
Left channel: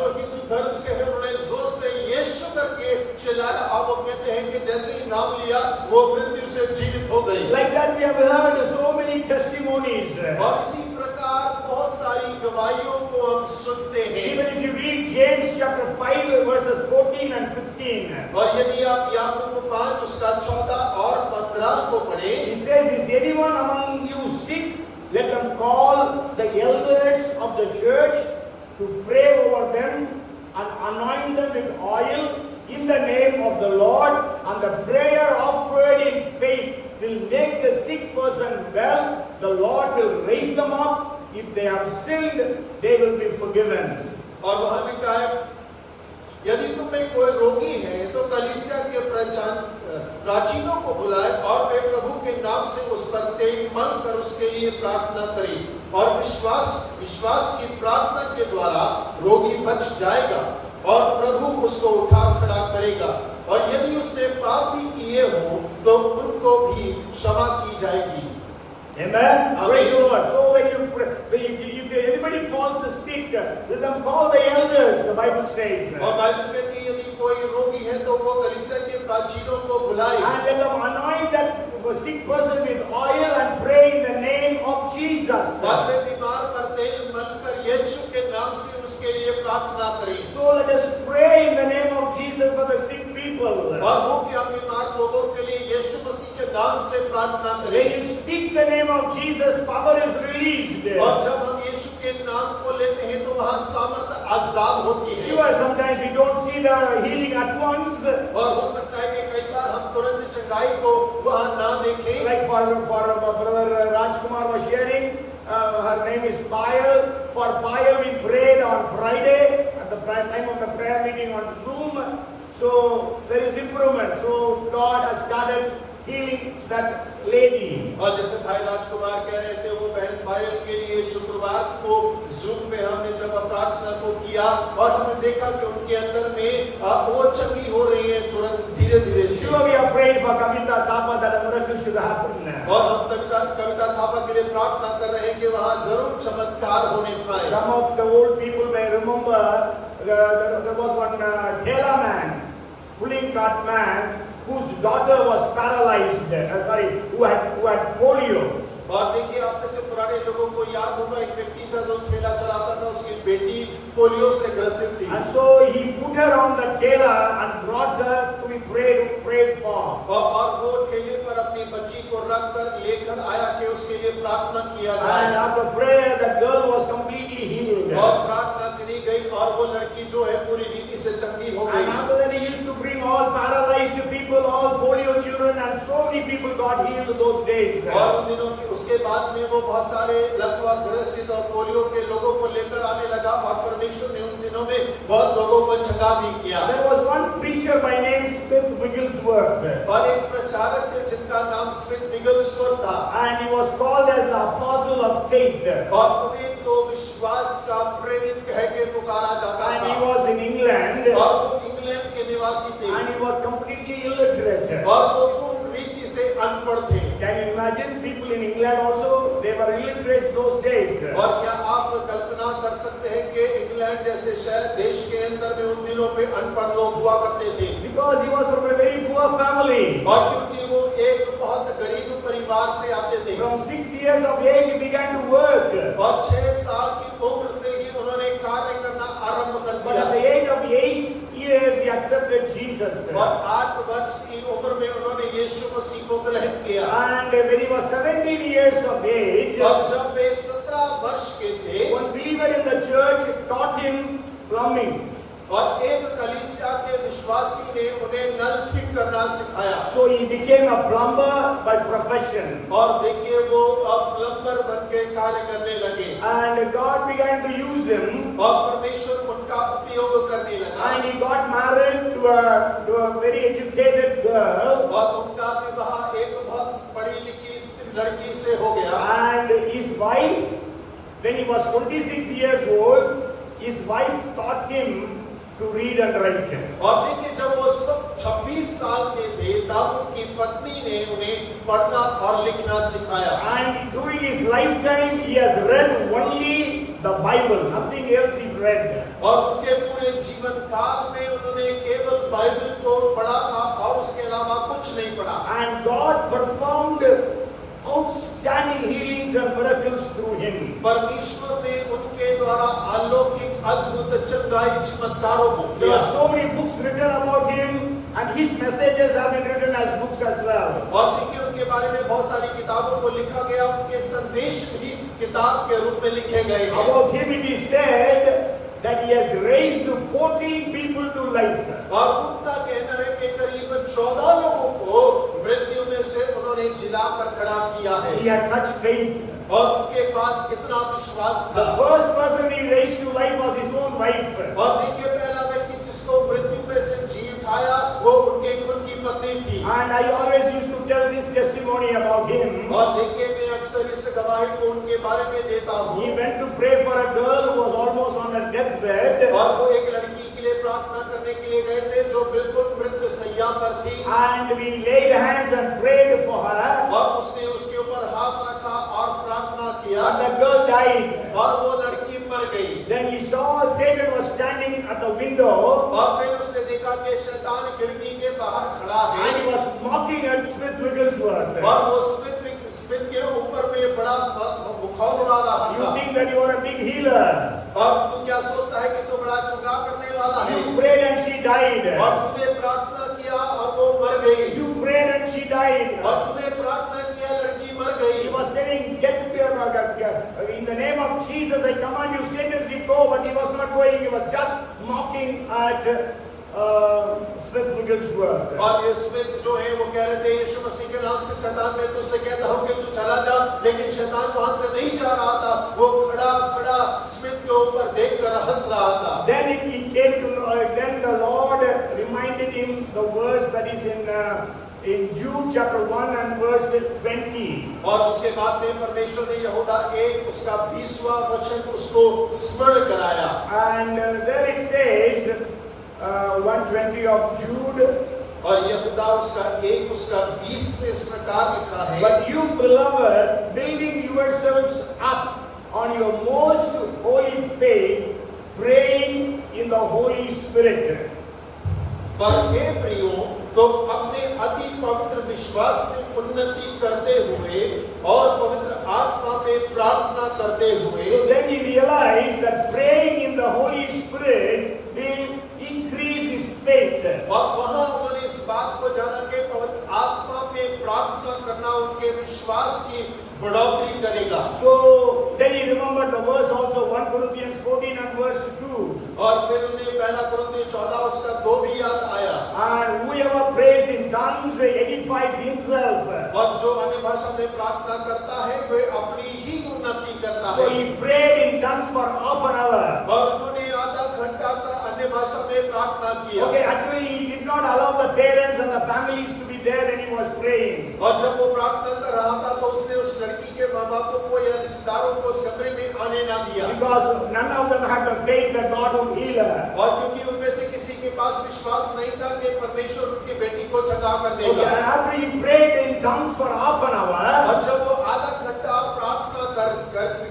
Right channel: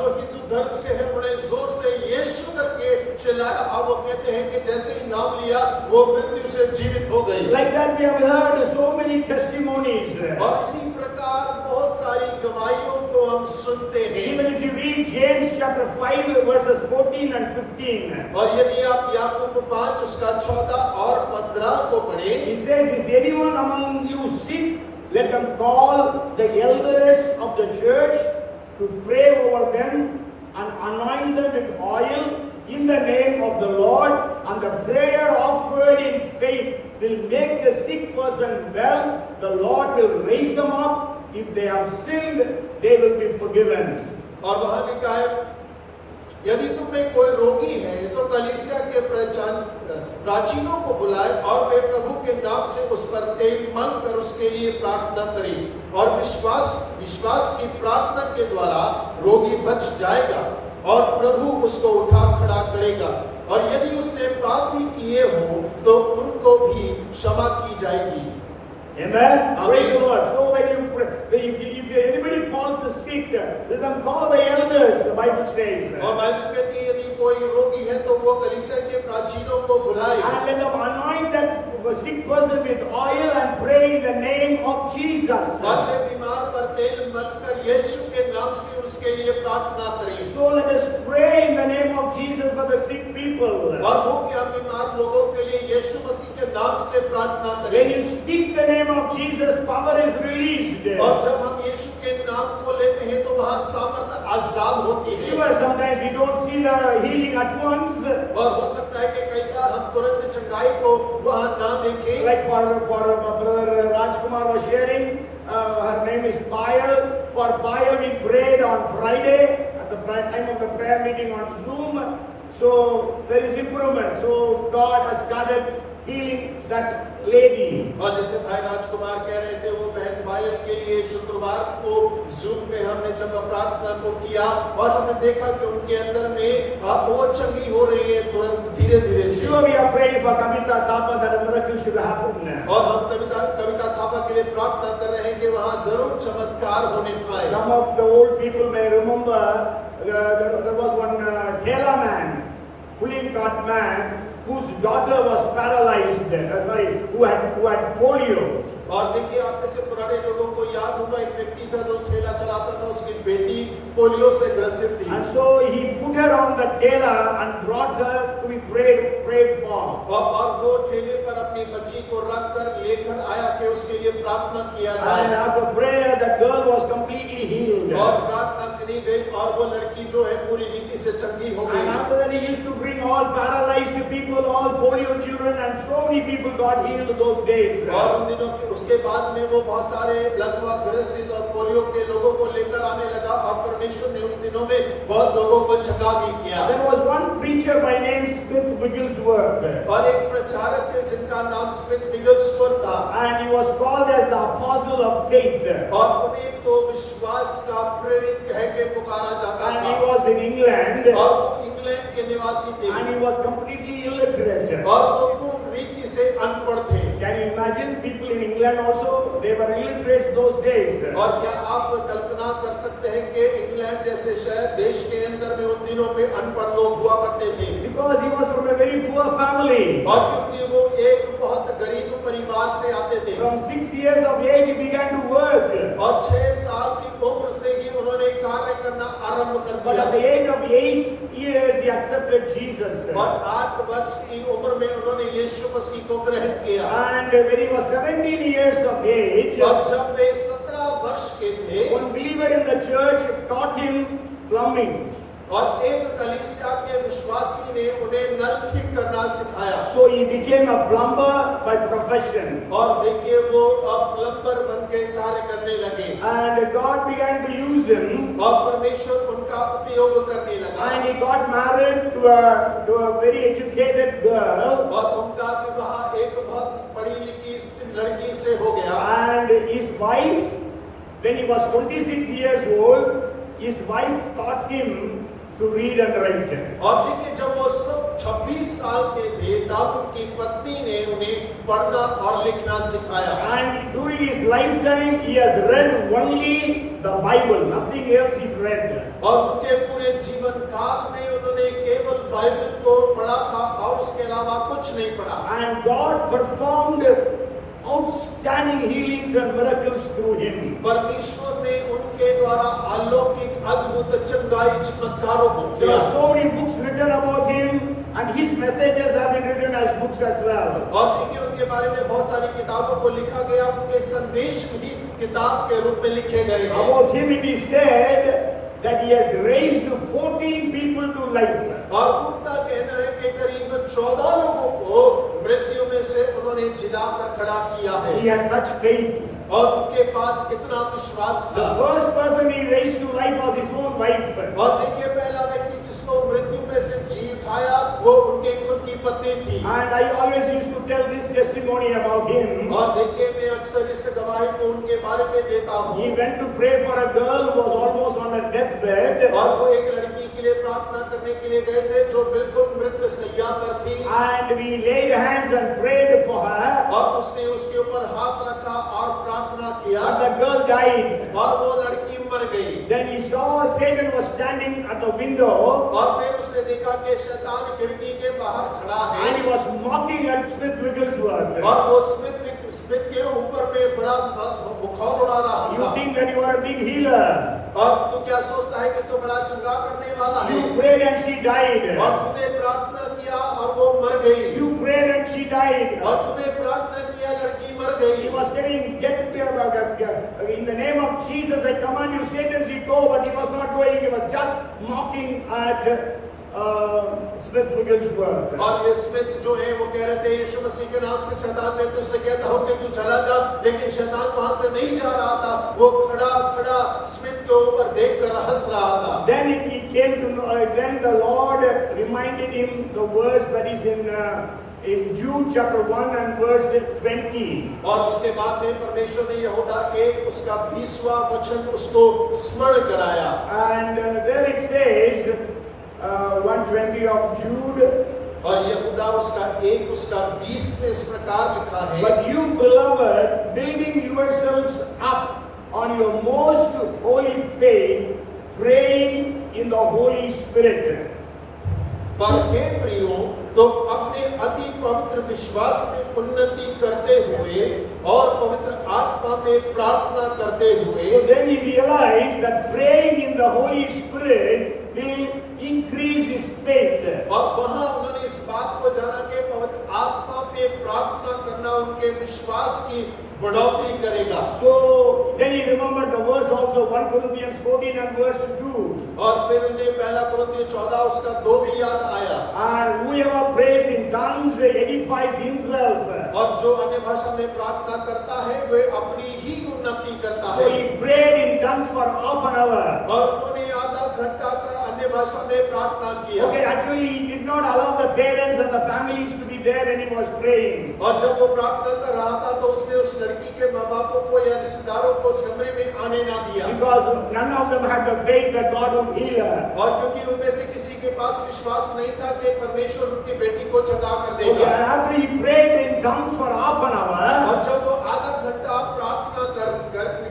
हिंदू धर्म से है उन्होंने जोर से यीशु करके चिल्लाया और वो कहते हैं कि जैसे ही नाम लिया वो मृत्यु से जीवित हो गई। Like that, we have heard so many testimonies. और इसी प्रकार बहुत सारी गवाहियों को हम सुनते हैं। Even if you read James chapter 5 verses 14 and 15. और यदि आप याकूब 5 उसका 14 और 15 को पढ़ें, He says, is anyone among you sick? Let them call the elders of the church to pray over them and anoint them with oil in the name of the Lord, and the prayer offered in faith will make the sick person well. The Lord will raise them up. If they have sinned, they will be forgiven. और वहां लिखा है यदि तुम में कोई रोगी है तो कलीसिया के प्राचीनों को बुलाए और वे प्रभु के नाम से उस पर तेल मल कर उसके लिए प्रार्थना करें और विश्वास की प्रार्थना के द्वारा रोगी बच जाएगा और प्रभु उसको उठा खड़ा करेगा और यदि उसने पाप भी किए हो तो उनको भी क्षमा की जाएगी। Amen. Praise the Lord. So when if anybody falls sick, let them call the elders. The Bible says. और बाइबल कहती है यदि कोई रोगी है तो वो कलीसिया के प्राचीनों को बुलाए And let them anoint that sick person with oil and pray in the name of Jesus. और वे बीमार पर तेल मलकर यीशु के नाम से उसके लिए प्रार्थना करें। So let us pray in the name of Jesus for the sick people. और वो कि हम बीमार लोगों के लिए यीशु मसीह के नाम से प्रार्थना When करें। you speak the name of Jesus, power is released. और जब हम यीशु के नाम को लेते हैं तो वहाँ सामर्थ आजाद होती है। Sure, sometimes we don't see the healing at once. और हो सकता है कि कई बार हम तुरंत चंगाई को वहाँ ना देखें। Like for brother Rajkumar was sharing, her name is Payal. For Payal we prayed on Friday at the time of the prayer meeting on Zoom. So there is improvement. So God has started healing that lady. और जैसे भाई राजकुमार कह रहे थे वो बहन पायल के लिए शुक्रवार को जूम पे हमने जब प्रार्थना को किया और हमने देखा कि उनके अंदर में वो चंगी हो रही है तुरंत धीरे-धीरे से। Sure, we are praying for Kavita Thapa that a miracle should happen. और हम कविता थापा के लिए प्रार्थना कर रहे हैं कि वहाँ जरूर चमत्कार होने पाए। Some of the old people may remember there was one Thela man, pulling cart man, whose daughter was paralyzed, who had polio. और देखिए आप में से पुराने लोगों को याद होगा एक व्यक्ति था जो ठेला चलाता था उसकी बेटी पोलियो से ग्रसित थी। And so he put her on the ठेला and brought her to be prayed for. और वो ठेले पर अपनी बच्ची को रखकर लेकर आया कि उसके लिए प्रार्थना किया जाए। And after prayer, the girl was completely healed. और प्रार्थना करी गई और वो लड़की जो है पूरी रीति से चंगी हो गई। And after that, he used to bring all paralyzed people, all polio children, and so many people got healed those days. और उन दिनों के उसके बाद में वो बहुत सारे लकवा ग्रसित और पोलियो के लोगों को लेकर आने लगा और परमेश्वर ने उन दिनों में बहुत लोगों को चंगा भी किया। There was one preacher by name Smith Wigglesworth. और एक प्रचारक थे जिनका नाम स्मिथ विगलस्वर्थ था। And he was called as the apostle of faith. और उन्हें तो विश्वास का प्रेरित कह के पुकारा जाता And था। he was in England. और वो इंग्लैंड के निवासी थे। And he was completely illiterate. और वो पूर्ण रीति से अनपढ़ थे। Can you imagine people in England also? They were illiterates those days. और क्या आप कल्पना कर सकते हैं कि इंग्लैंड जैसे शहर देश के अंदर में उन दिनों पे अनपढ़ लोग हुआ करते थे? Because he was from a very poor family. और क्योंकि वो एक परिवार से आते थे। From 6 years of age, he began to work. और 6 साल की उम्र से ही उन्होंने कार्य करना आरंभ कर But at दिया। the age of 8 years, he accepted Jesus. और 8 वर्ष की उम्र में उन्होंने यीशु मसीह को ग्रहण किया। And when he was 17 years of age, और जब वे 17 वर्ष के थे, one believer in the church taught him plumbing. और एक कलीसिया के विश्वासी ने उन्हें नल ठीक करना सिखाया। So he became a plumber by profession. और देखिए वो अब प्लम्बर बनके कार्य करने लगे। And God began to use him. और परमेश्वर उनका उपयोग करने लगा। And he got married to a very educated girl. और उनका विवाह एक बहुत पढ़ी लिखी लड़की से हो गया। And his wife, when he was 26 years old, his wife taught him to read and write. और देखिए जब वो सब 26 साल के थे तब उनकी पत्नी ने उन्हें पढ़ना और लिखना सिखाया। And during his lifetime, he has read only the Bible, nothing else he read. और उनके पूरे जीवन काल में उन्होंने केवल बाइबल को पढ़ा था और उसके अलावा कुछ नहीं पढ़ा। And God performed outstanding healings and miracles through him. परमेश्वर ने उनके द्वारा अलौकिक अद्भुत चंगाई चमत्कारों को There किया। are so many books written about him, and his messages have been written as books as well. और देखिए उनके बारे में बहुत सारी किताबों को लिखा गया, उनके संदेश भी किताब के रूप में लिखे गए हैं। About him it is said that he has raised 14 people to life. और उनका कहना है कि करीबन 14 लोगों को मृत्यु में से उन्होंने जिलाकर खड़ा किया है। He has such faith. और उनके पास कितना विश्वास The था। first person he raised to life was his own wife. और देखिए पहला व्यक्ति जिसको मृत्यु में से जी उठाया वो उनकी खुद की पत्नी थी। And I always used to tell this testimony about him. और देखिए मैं अक्सर इस गवाही को उनके बारे में देता हूँ। He went to pray for a girl who was almost on a deathbed. और वो एक लड़की के लिए प्रार्थना करने के लिए गए थे जो बिल्कुल मृत्यु शैया पर थी। And we laid hands and prayed for her. और उसने उसके ऊपर हाथ रखा और प्रार्थना किया। And the girl died. और वो लड़की मर गई। Then he saw Satan was standing at the window. और फिर उसने देखा कि शैतान खिड़की के बाहर खड़ा है। And he was mocking at Smith Wigglesworth. और वो स्मिथ के ऊपर में बड़ा बुखार उड़ा रहा You था। think that you are a big healer. और तू क्या सोचता है कि तू बड़ा चंगा करने वाला है? You prayed and she died. और तूने प्रार्थना किया और वो मर गई। You prayed and she died. और तूने प्रार्थना किया लड़की मर He गई। was telling, in the name of Jesus, I command you, Satan, she go, but he was not going. He was just mocking at Smith Wigglesworth. और ये Smith जो है वो कह रहे थे यीशु मसीह के नाम से शैतान मैं तुझसे कहता हूँ कि तू चला जा, लेकिन शैतान वहां से नहीं जा रहा था। वो खड़ा स्मिथ के ऊपर देखकर हंस रहा था। Then he came to know, then the Lord reminded him the verse that is in Jude chapter 1 and verse 20. और उसके बाद में परमेश्वर ने यहूदा 1 उसका 20वां वचन उसको स्मरण कराया। And there it says, 120 of Jude, और यहूदा उसका 1 उसका 20 में इस प्रकार लिखा है। but you beloved, building yourselves up on your most holy faith, praying in the Holy Spirit. पर हे प्रियो, तो अपने अति पवित्र विश्वास में उन्नति करते हुए और पवित्र आत्मा में प्रार्थना करते हुए। So then he realized that praying in the Holy Spirit will increase his faith. और वहां उन्होंने इस बात को जाना कि पवित्र आत्मा में प्रार्थना करना उनके विश्वास की बढ़ोतरी करेगा। So then he remembered the verse also, 1 Corinthians 14 and verse 2. और फिर उन्हें पहला कुरिन्थियों 14 उसका 2 भी याद आया। And whoever prays in tongues edifies himself. और जो अन्य भाषा में प्रार्थना करता है वे अपनी ही उन्नति करता So है। he prayed in tongues for half an hour. और उन्होंने आधा घंटा का अन्य भाषा में प्रार्थना किया। Okay, actually he did not allow the parents and the families to be there when he was praying. और जब वो प्रार्थना कर रहा था तो उसने उस लड़की के माँ बापों को या रिश्तेदारों को उस कमरे में आने ना दिया। Because none of them had the faith that God would heal her. और क्योंकि उनमें से किसी के पास विश्वास नहीं था कि परमेश्वर उनकी बेटी को चंगा कर Okay, देगा। and after he prayed in tongues for half an hour, और जब वो आधा घंटा प्रार्थना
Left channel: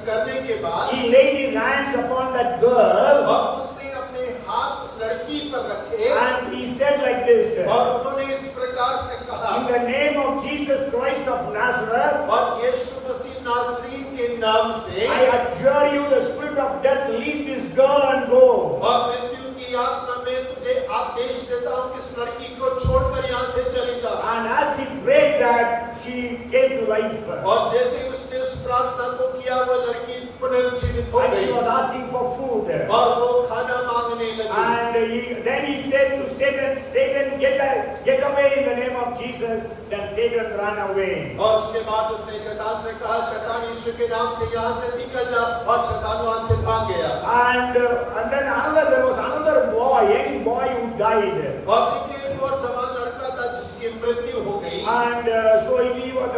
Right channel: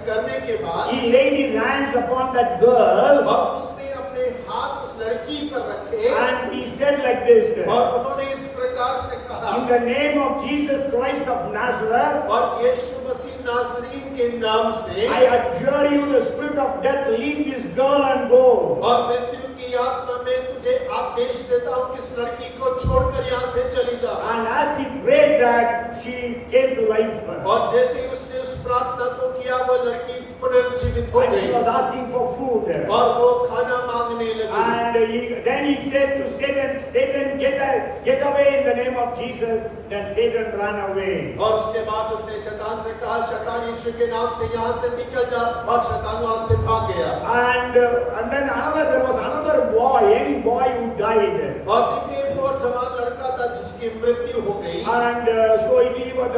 करने के बाद he laid his hands upon that girl और उसने अपने हाथ उस लड़की पर रखे and he said like this. और उन्होंने इस प्रकार से कहा, In the name of Jesus Christ of Nazareth, और यीशु मसीह नासरीन के नाम से I adjure you, the spirit of death, leave this girl and go. और मृत्यु की आत्मा में तुझे आदेश देता हूँ कि इस लड़की को छोड़कर यहाँ से चली जा। And as he prayed that, she came to life. और जैसे ही उसने उस प्रार्थना को किया, वह लड़की पुनर्जीवित हो And she गई was asking for food. और वो खाना मांगने लगी। And then he said to Satan, Satan, get away in the name of Jesus. Then Satan ran away. और उसके बाद उसने शैतान से कहा, शैतान यीशु के नाम से यहाँ से निकल जा, और शैतान वहाँ से भाग गया। And then there was another boy, young boy who died. और देखिए एक और जवान लड़का था जिसकी मृत्यु हो गई। And so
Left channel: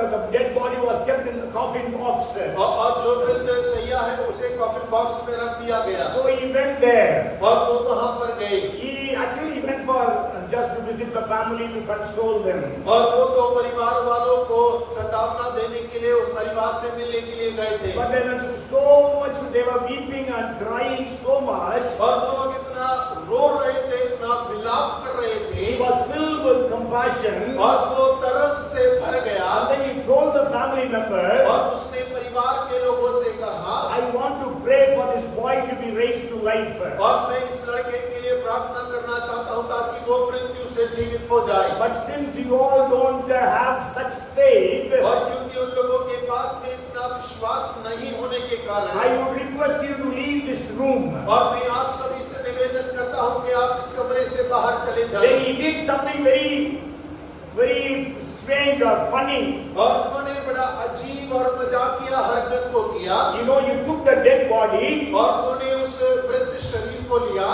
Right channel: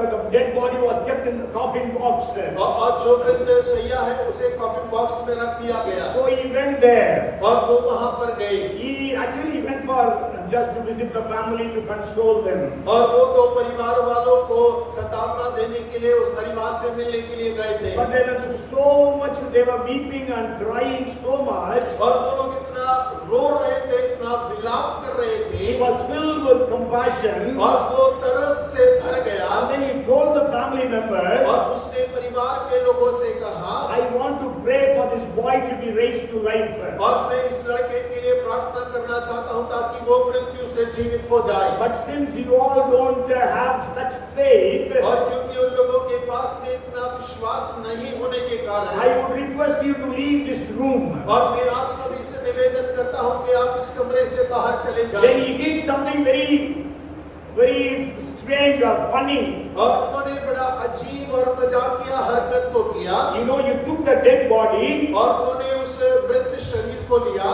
the dead body was kept in the coffin box. और जो वृद्ध सैया है उसे कॉफिन बॉक्स में रख दिया गया। So he went there. और वो वहाँ पर गए। He actually went for just to visit the family to console them. और वो तो परिवार वालों को सांत्वना देने के लिए उस परिवार से मिलने के लिए गए थे। But they went through so much, they were weeping and crying so much. और वो लोग इतना रो रहे थे, इतना विलाप कर रहे थे। He was filled with compassion. और वो तरस से भर गया। And then he told the family members, और उसने परिवार के लोगों से कहा, I want to pray for this boy to be raised to life. और मैं इस लड़के के लिए प्रार्थना करना चाहता हूँ ताकि वो मृत्यु से जीवित हो जाए। But since you all don't have such faith, और क्योंकि उन लोगों के पास में इतना विश्वास नहीं होने के कारण, I would request you to leave this room. और मैं आप सभी से निवेदन करता हूँ कि आप इस कमरे से बाहर चले Then जाएं। he did something very strange or funny. और उन्होंने बड़ा अजीब और मजाकिया हरकत को किया। You know, you took the dead body. और उन्होंने उस वृद्ध शरीर को लिया।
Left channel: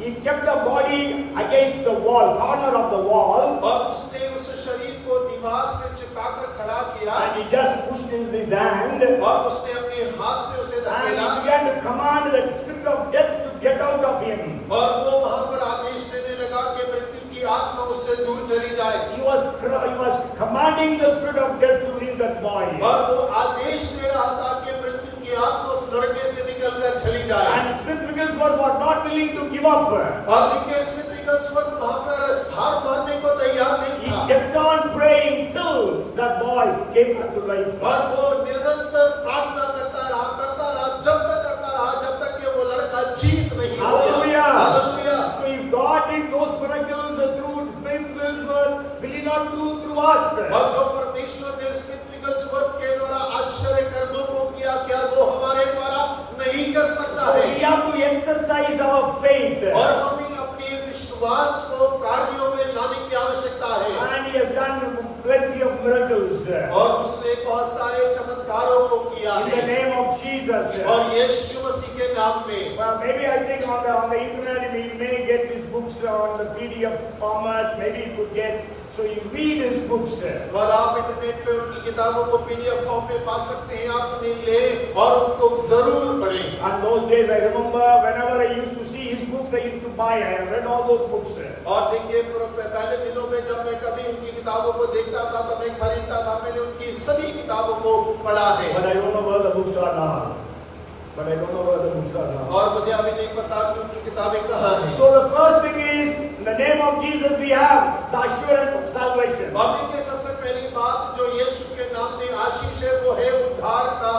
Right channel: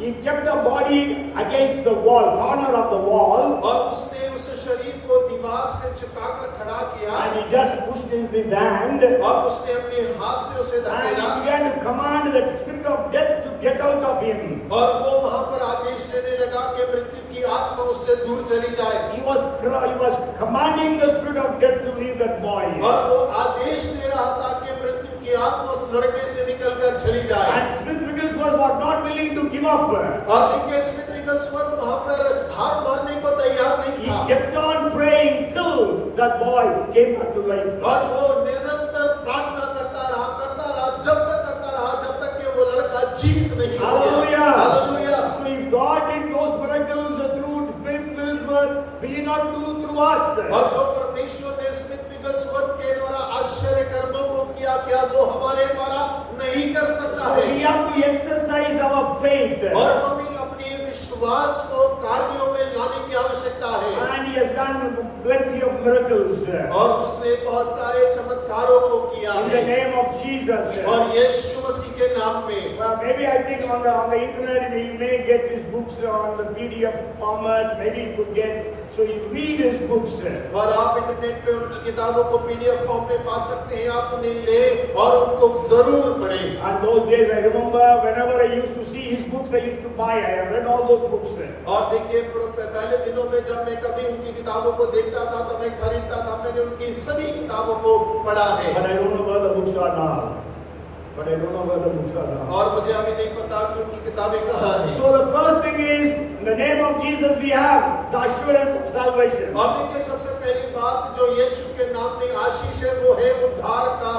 He kept the body against the wall, corner of the wall. और उसने उस शरीर को दीवार से चिपकाकर खड़ा किया। And he just pushed in his hand. और उसने अपने हाथ से उसे And धकेला। he began to command the spirit of death to get out of him. और वो वहाँ पर आदेश देने लगा कि मृत्यु की आत्मा उससे दूर चली जाए। He was commanding the spirit of death to leave that boy. और वो आदेश दे रहा था कि मृत्यु की आत्मा उस लड़के से निकलकर चली जाए। And Smith Wigglesworth was not willing to give up. और देखिए स्मिथ विगलस्वर्थ वहाँ पर हार मारने को तैयार नहीं He था। kept on praying till that boy came back to life. और वो निरंतर प्रार्थना करता रहा जब तक कि वो लड़का जीवित नहीं हो गया। Hallelujah. So if God did those miracles through Smith Wigglesworth, will He not do through us? और जो परमेश्वर ने स्मिथ विगलस्वर्थ के द्वारा आश्चर्य कर्मों को किया, क्या वो हमारे द्वारा नहीं कर सकता है? We have to exercise our faith. और हमें अपने विश्वास को कार्यों में लाने की आवश्यकता है। And He has done plenty of miracles. और उसने बहुत सारे चमत्कारों को किया In the name of Jesus. और यीशु मसीह के नाम में। Maybe I think on the internet we may get his books on the PDF format. Maybe you could get. So you read his books. और आप इंटरनेट पे उनकी किताबों को PDF फॉर्म में पा सकते हैं। आप उन्हें ले और उनको जरूर पढ़ें। And those days I remember whenever I used to see his books, I used to buy. I have read all those books. और देखिए पहले दिनों में जब मैं कभी उनकी किताबों को देखता था तो मैं खरीदता था। मैंने उनकी सभी किताबों को पढ़ा है। But I don't know where the books are now. और मुझे अभी नहीं पता कि उनकी किताबें कहाँ हैं। So the first thing is, in the name of Jesus we have the assurance of salvation. और देखिए सबसे पहली बात जो यीशु के नाम में आशीष है वो है उद्धार का।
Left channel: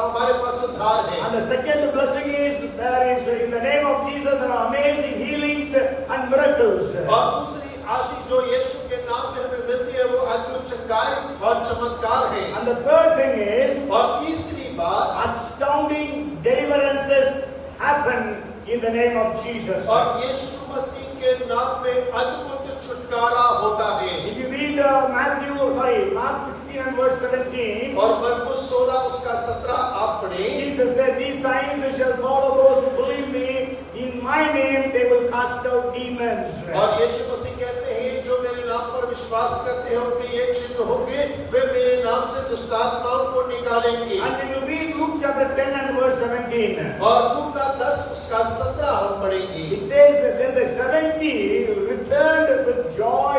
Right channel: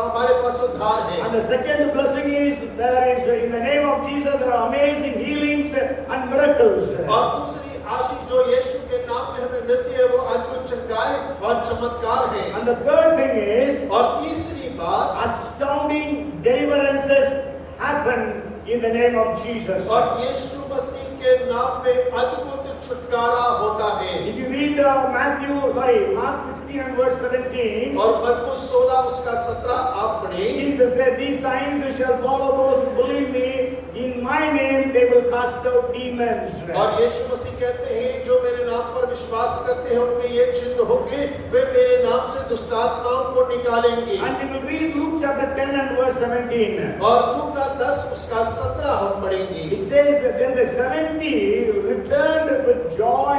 हमारे पास उद्धार है। And the second blessing is in the name of Jesus there are amazing healings and miracles. और दूसरी आशीष जो यीशु के नाम में हमें मिलती है वो अद्भुत चंगाई और चमत्कार है। And the third thing is, और तीसरी बात astounding deliverances happen in the name of Jesus. और यीशु मसीह के नाम में अद्भुत छुटकारा होता है। If you read Mark 16 and verse 17, और मरकुस 16 उसका 17 आप पढ़ें। Jesus said, "These signs shall follow those who believe me. In my name they will cast out demons." और यीशु मसीह कहते हैं जो मेरे नाम पर विश्वास करते हैं उनके ये चिन्ह होंगे, वे मेरे नाम से दुष्ट आत्माओं को निकालेंगे। And we will read Luke chapter 10 and verse 17. और लूका का 10 उसका 17 हम पढ़ेंगे। It says that then the 70 returned with joy,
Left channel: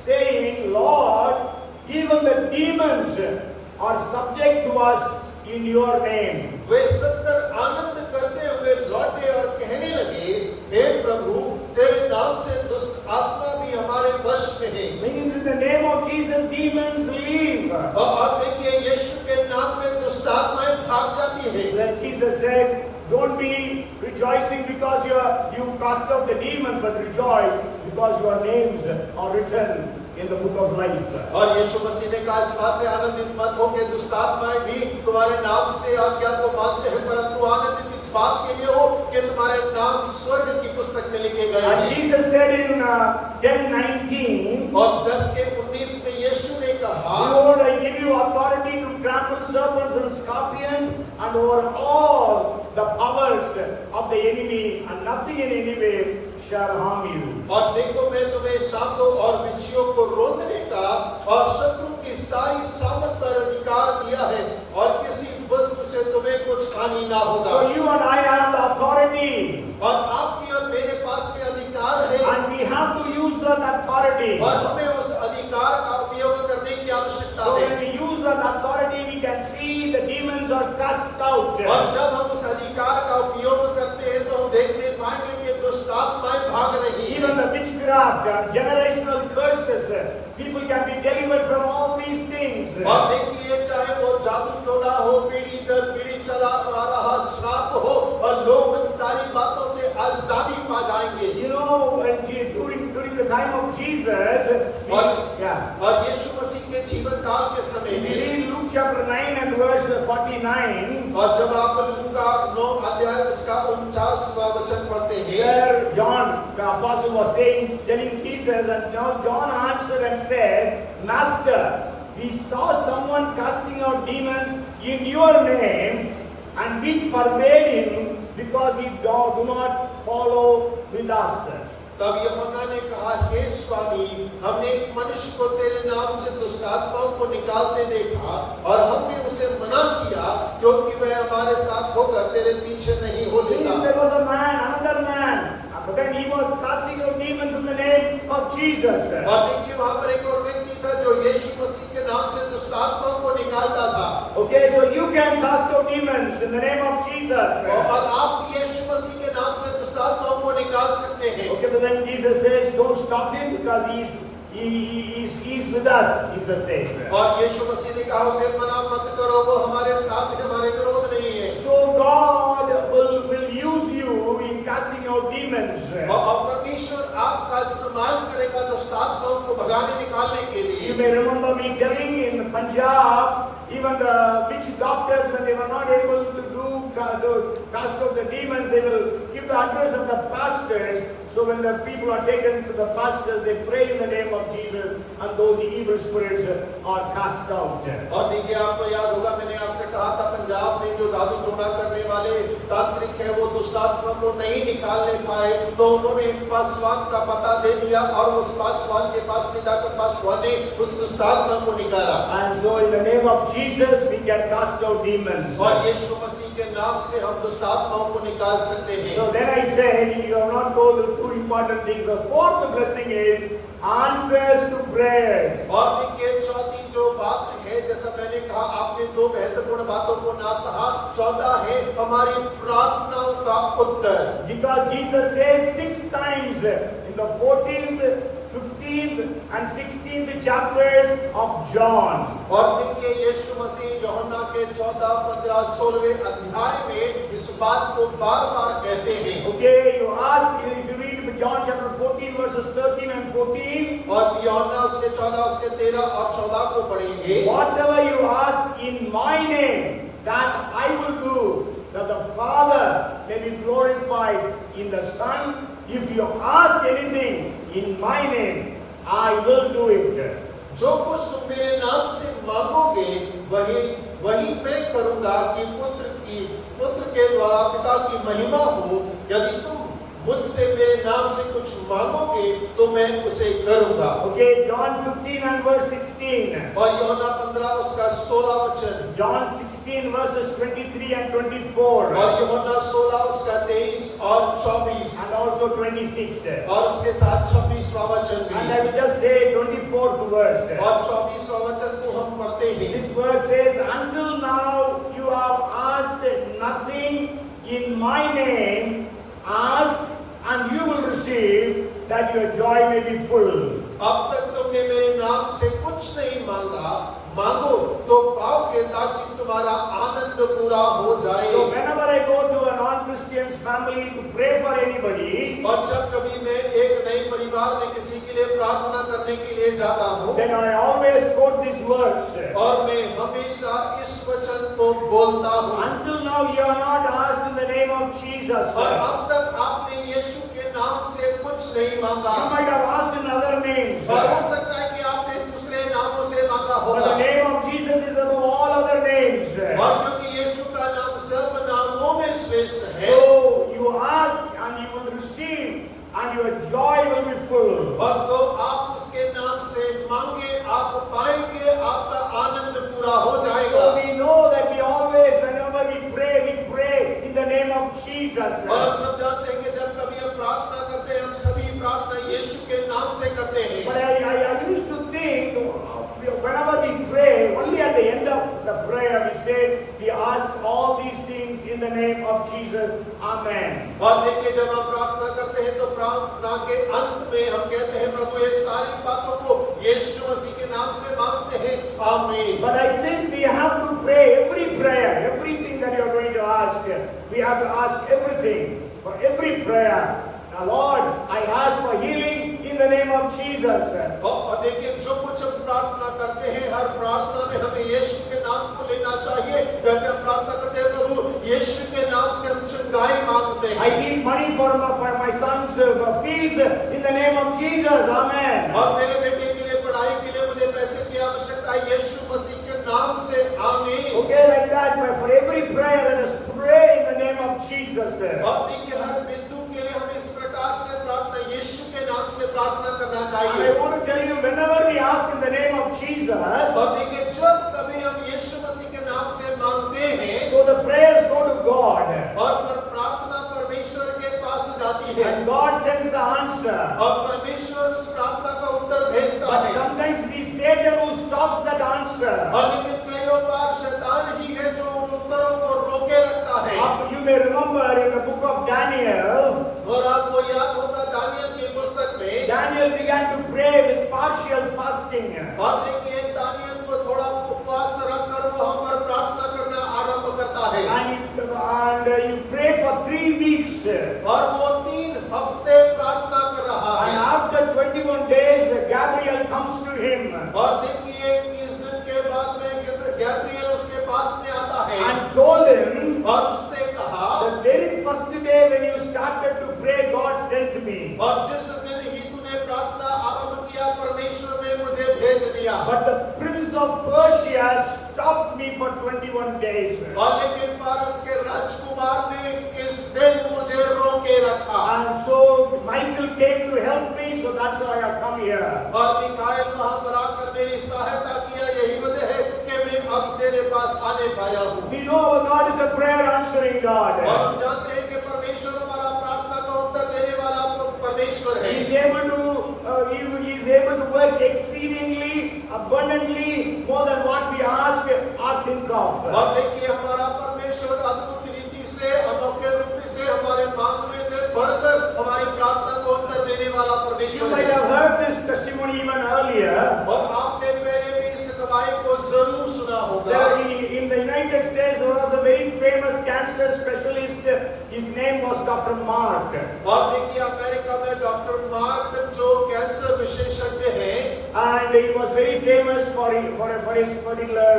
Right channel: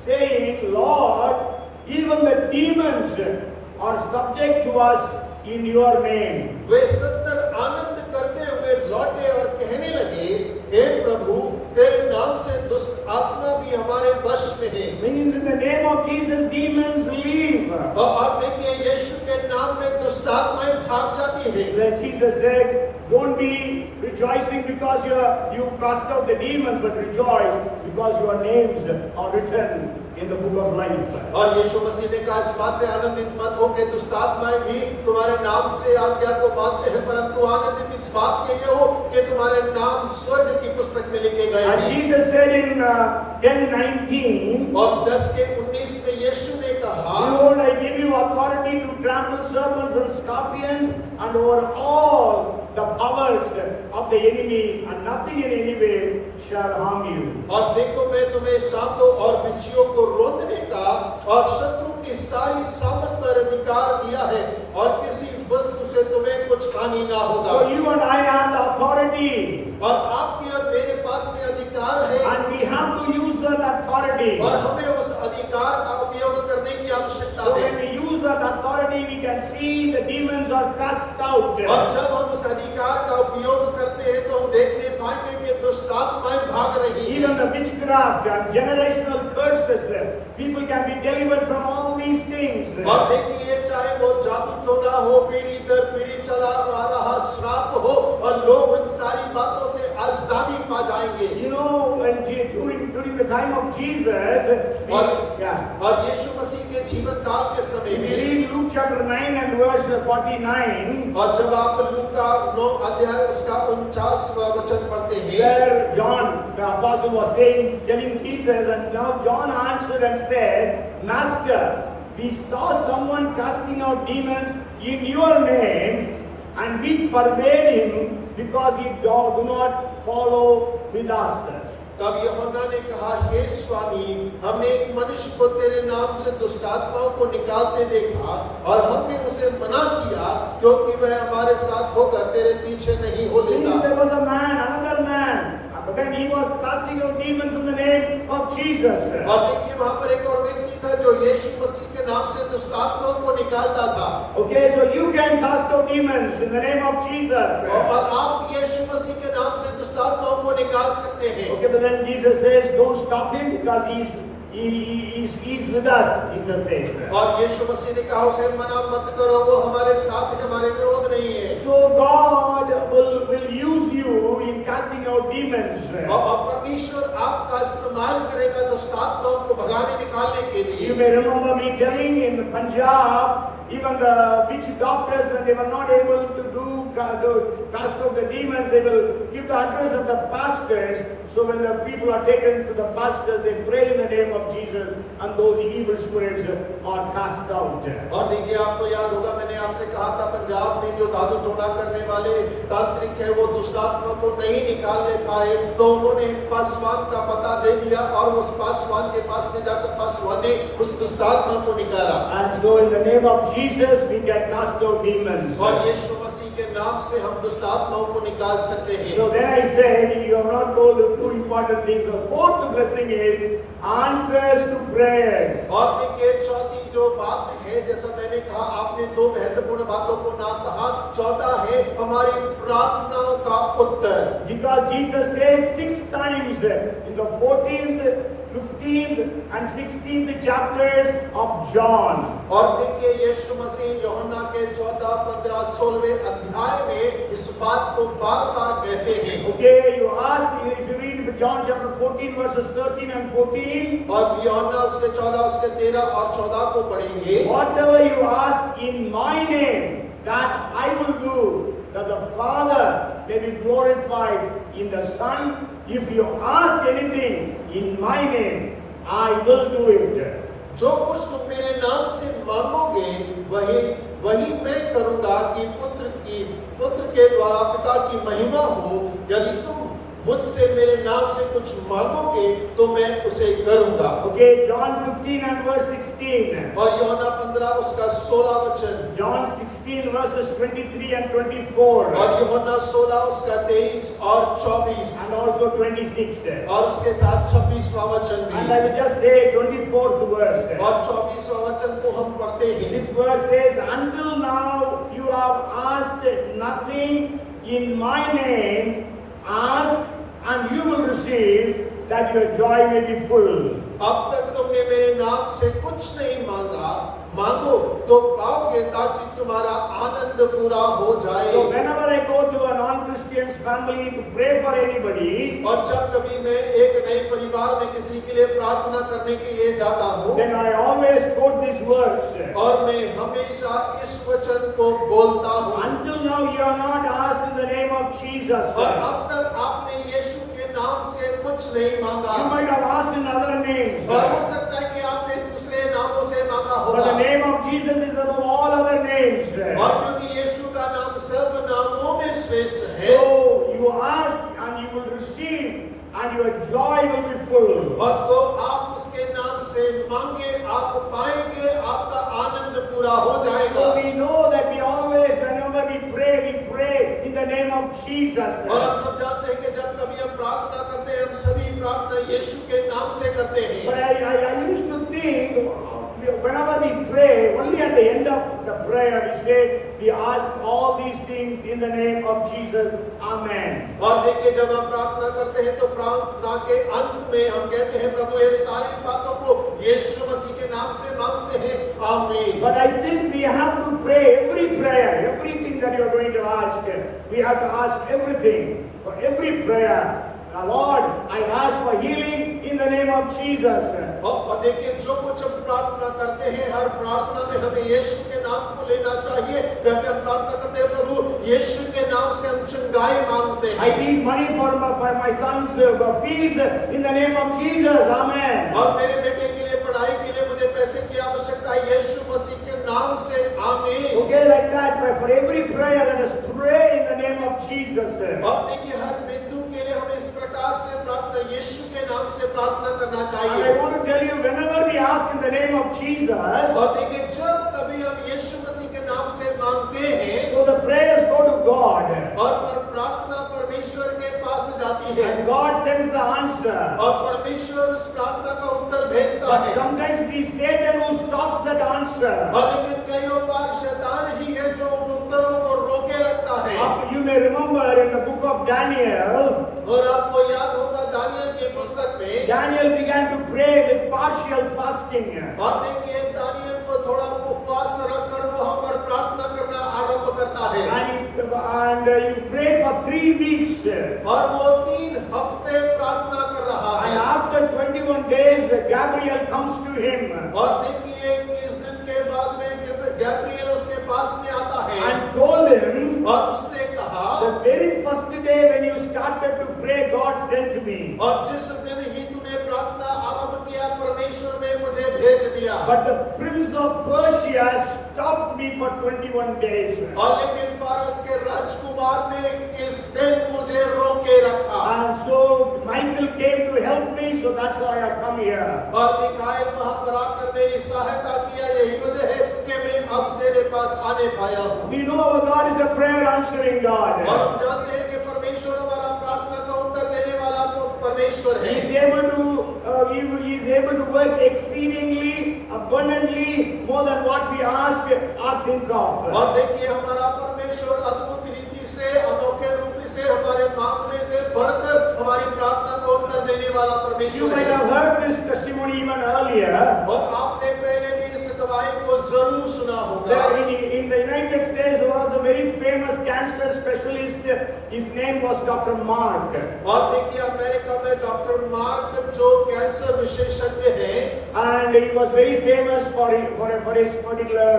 saying, "Lord, even the demons are subject to us in your name." वे 70 आनंद करते हुए लौटे और कहने लगे, हे प्रभु, तेरे नाम से दुष्ट आत्मा भी हमारे वश में है। Means in the name of Jesus, demons leave. और देखिए यीशु के नाम में दुष्ट आत्माएं भाग जाती है। Then Jesus said, don't be rejoicing because you cast out the demons, but rejoice because your names are written in the book of life. और यीशु मसीह ने कहा इस बात से आनंदित मत हो कि दुष्ट आत्माएं भी तुम्हारे नाम से आज्ञा को मानते हैं, परंतु आनंदित इस बात के लिए हो कि तुम्हारे नाम स्वर्ग की पुस्तक में लिखे गए And हैं। Jesus said in 10:19, और 10:19 में यीशु ने कहा, behold, I give you authority to trample serpents and scorpions and over all the powers of the enemy, and nothing in any way shall harm you. और देखो मैं तुम्हें सांपों और बिच्छुओं को रोकने का और शत्रु की सारी सामर्थ पर अधिकार दिया है, और किसी वस्तु से तुम्हें कुछ हानि ना होगा। So you and I have the authority, और आपकी और मेरे पास में अधिकार है, and we have to use that authority. और हमें उस अधिकार का उपयोग करने की आवश्यकता So है। when we use that authority, we can see the demons are cast out. और जब हम उस अधिकार का उपयोग करते हैं तो हम देखने पाएंगे कि दुष्ट आत्माएं भाग रही हैं। Even the witchcraft and generational curses, people can be delivered from all these things. और देखिए चाहे वो जादू टोना हो, पीढ़ी दर पीढ़ी चला आ रहा श्राप हो, और लोग इन सारी बातों से आजादी पा जाएंगे। You know, when during the time of Jesus, और यीशु मसीह के जीवन काल के समय if में, you read Luke chapter 9 and verse 49, और जब आप लूका 9 अध्याय इसका 49वां वचन पढ़ते हैं, where John the apostle was saying, telling Jesus, and now John answered and said, Master, we saw someone casting out demons in your name, and we forbade him because he do not follow with us. तब यूहन्ना ने कहा, हे स्वामी, हमने एक मनुष्य को तेरे नाम से दुष्ट आत्माओं को निकालते देखा, और हमने उसे मना किया क्योंकि वह हमारे साथ होकर तेरे पीछे नहीं हो लेता। There was a man, another man, but then he was casting out demons in the name of Jesus. और देखिए वहां पर एक और व्यक्ति था जो यीशु मसीह के नाम से दुष्ट आत्माओं को निकालता था। Okay, so you can cast out demons in the name of Jesus. और आप यीशु मसीह के नाम से दुष्ट आत्माओं को निकाल सकते हैं। Okay, but then Jesus says, don't stop him because he's with us, Jesus says. और यीशु मसीह ने कहा उसे मना मत करो, वो हमारे साथ है, हमारे विरोध नहीं है। So God will use you in casting out demons. और परमेश्वर आपका इस्तेमाल करेगा दुष्ट आत्माओं को भगाने निकालने के You लिए। may remember me telling in Punjab, even the witch doctors, when they were not able to cast out the demons, they will give the address of the pastors. So when the people are taken to the pastors, they pray in the name of Jesus, and those evil spirits are cast out. और देखिए आपको याद होगा मैंने आपसे कहा था पंजाब में जो जादू टोना करने वाले तांत्रिक है वो दुष्ट आत्मा को नहीं निकालने पाए, तो उन्होंने एक पासवान का पता दे दिया और उस पासवान के पास में जाकर पासवान ने उस दुष्ट आत्मा को निकाला। And so in the name of Jesus we can cast out demons. और यीशु मसीह के नाम से हम दुष्ट आत्माओं को निकाल सकते हैं। So then I said, you have not told the two important things. The fourth blessing is answers to prayers. और देखिए चौथी जो बात है, जैसा मैंने कहा आपने दो महत्वपूर्ण बातों को नाम कहा, चौथा है हमारी प्रार्थनाओं का उत्तर। Because Jesus says 6 times in the 14th, 15th and 16th chapters of John. और देखिए यीशु मसीह यूहन्ना के 14, 15, 16वें अध्याय में इस बात को बार-बार कहते हैं। Okay, you ask, if you read John chapter 14 verses 13 and 14. और यूहन्ना उसके 14, उसके 13 और 14 को पढ़ेंगे। Whatever you ask in my name, that I will do, that the Father may be glorified in the Son. If you ask anything in my name, I will do it. जो कुछ तुम मेरे नाम से मांगोगे वही मैं करूंगा कि पुत्र के द्वारा पिता की महिमा हो। यदि तुम मुझसे मेरे नाम से कुछ मांगोगे तो मैं उसे करूंगा। Okay, John 15 and verse 16. और यूहन्ना 15 उसका 16 वचन। John 16 verses 23 and 24. और यूहन्ना 16 उसका 23 और 24। And also 26. और उसके साथ 26वां वचन भी। And I will just say 24th verse. और 24वां वचन को हम पढ़ते हैं। This verse says, until now you have asked nothing in my name, ask and you will receive, that your joy may be full. अब तक तुमने मेरे नाम से कुछ नहीं मांगा, मांगो तो पाओगे ताकि तुम्हारा आनंद पूरा हो जाए। So whenever I go to a non-Christian's family to pray for anybody, और जब कभी मैं एक नए परिवार में किसी के लिए प्रार्थना करने के लिए जाता हूँ, then I always quote these words. और मैं हमेशा इस वचन को बोलता हूँ। Until now you are not asked in the name of Jesus. और अब तक आपने यीशु के नाम से कुछ नहीं मांगा। You might have asked in other names. और हो सकता है कि आपने दूसरे नामों से मांगा But होगा। the name of Jesus is above all other names. और क्योंकि यीशु का नाम सब नामों में श्रेष्ठ है, So you ask and you will receive and your joy will be full. और तो आप उसके नाम से मांगे, आप पाएंगे, आपका आनंद पूरा हो जाएगा। So we know that we always, whenever we pray in the name of Jesus. और हम सब जानते हैं कि जब कभी हम प्रार्थना करते हैं, हम सभी प्रार्थना यीशु के नाम से करते हैं। But I used to think, whenever we pray, only at the end of the prayer we say, we ask all these things in the name of Jesus. Amen. और देखिए जब हम प्रार्थना करते हैं तो प्रार्थना के अंत में हम कहते हैं प्रभु ये सारी बातों को यीशु मसीह के नाम से मांगते हैं। आमीन। But I think we have to pray every prayer, everything that you are going to ask. We have to ask everything for every prayer. Lord, I ask for healing in the name of Jesus. और देखिए जो कुछ हम प्रार्थना करते हैं, हर प्रार्थना में हमें यीशु के नाम को लेना चाहिए। जैसे हम प्रार्थना करते हैं प्रभु यीशु के नाम से हम चंगाई मांगते हैं। I need money for my son's fees in the name of Jesus. Amen. और मेरे बेटे के लिए पढ़ाई के लिए मुझे पैसे की आवश्यकता है, यीशु मसीह के नाम से। आमीन। Okay, like that. But for every prayer, let us pray in the name of Jesus. और देखिए हर बिंदु के लिए हमें इस प्रकार से प्रार्थना यीशु के नाम से प्रार्थना करना And चाहिए। I want to tell you, whenever we ask in the name of Jesus, और देखिए जब कभी हम यीशु मसीह के नाम से मांगते हैं, so the prayers go to God. और प्रार्थना परमेश्वर के पास जाती है, And God sends the answer. और परमेश्वर उस प्रार्थना का उत्तर भेजता But है। sometimes it is Satan who stops that answer. और लेकिन कई बार शैतान ही है जो उन उत्तरों को रोके रखता है। You may remember in the book of Daniel, और आपको याद होगा दानियल की पुस्तक में, Daniel began to pray with partial fasting. और देखिए दानियल को थोड़ा उपवास रखकर वो हम पर प्रार्थना करना आरंभ करता है। And he prayed for 3 weeks. और वो 3 हफ्ते प्रार्थना कर रहा And है। after 21 days, Gabriel comes to him और देखिए 20 दिन के बाद में गैब्रियल उसके पास में आता है and told him, और उससे कहा, the very first day when you started to pray, God sent me. और जिस दिन ही तूने प्रार्थना आरंभ किया परमेश्वर ने मुझे भेज दिया। But the prince of Persia stopped me for 21 days. और लेकिन फारस के राजकुमार ने किस दिन मुझे रोके रखा। And so Michael came to help me, so that's why I come here. और मिकाएल वहां पर आकर मेरी सहायता किया, यही वजह है कि मैं अब तेरे पास आने पाया हूँ। We know our God is a prayer answering God. और हम जानते हैं कि परमेश्वर हमारा प्रार्थना का उत्तर देने वाला परमेश्वर है। He is able to work exceedingly, abundantly, more than what we ask or think of. और देखिए हमारा परमेश्वर अद्भुत रीति से, अनोखे रूप से, हमारे मांगने से बढ़कर हमारी प्रार्थना को उत्तर देने वाला You परमेश्वर might है। have heard this testimony even earlier. और आपने पहले भी इस गवाही को जरूर सुना होगा। In the United States, there was a very famous cancer specialist. His name was Dr. Mark. और देखिए अमेरिका में डॉक्टर मार्क जो कैंसर विशेषज्ञ हैं, And he was very famous for his particular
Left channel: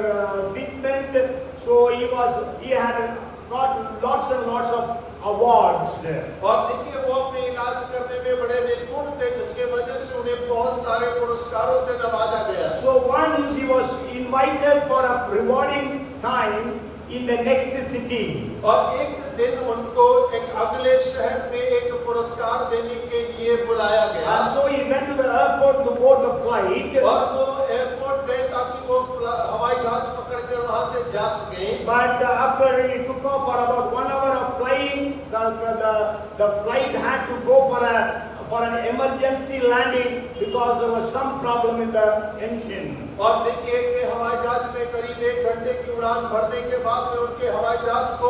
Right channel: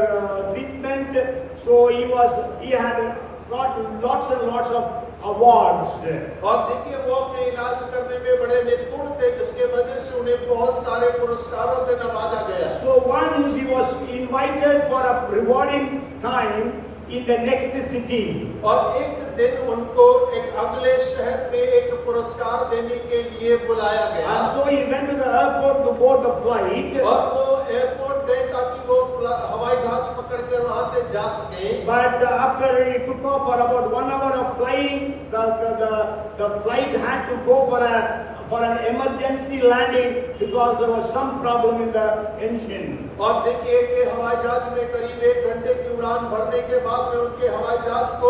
treatment. So he had got lots and lots of awards. और देखिए वो अपने इलाज करने में बड़े निपुण थे, जिसके वजह से उन्हें बहुत सारे पुरस्कारों से नवाजा गया। So once he was invited for a rewarding time in the next city. और एक दिन उनको एक अगले शहर में एक पुरस्कार देने के लिए बुलाया गया। And so he went to the airport to board the flight. और वो एयरपोर्ट गए ताकि वो हवाई जहाज पकड़कर वहां से जा सके। But after he took off for about 1 hour of flying, the flight had to go for an emergency landing because there was some problem in the engine. और देखिए कि हवाई हवाई जहाज में करीब 1 घंटे की उड़ान भरने के बाद में उनके हवाई जहाज को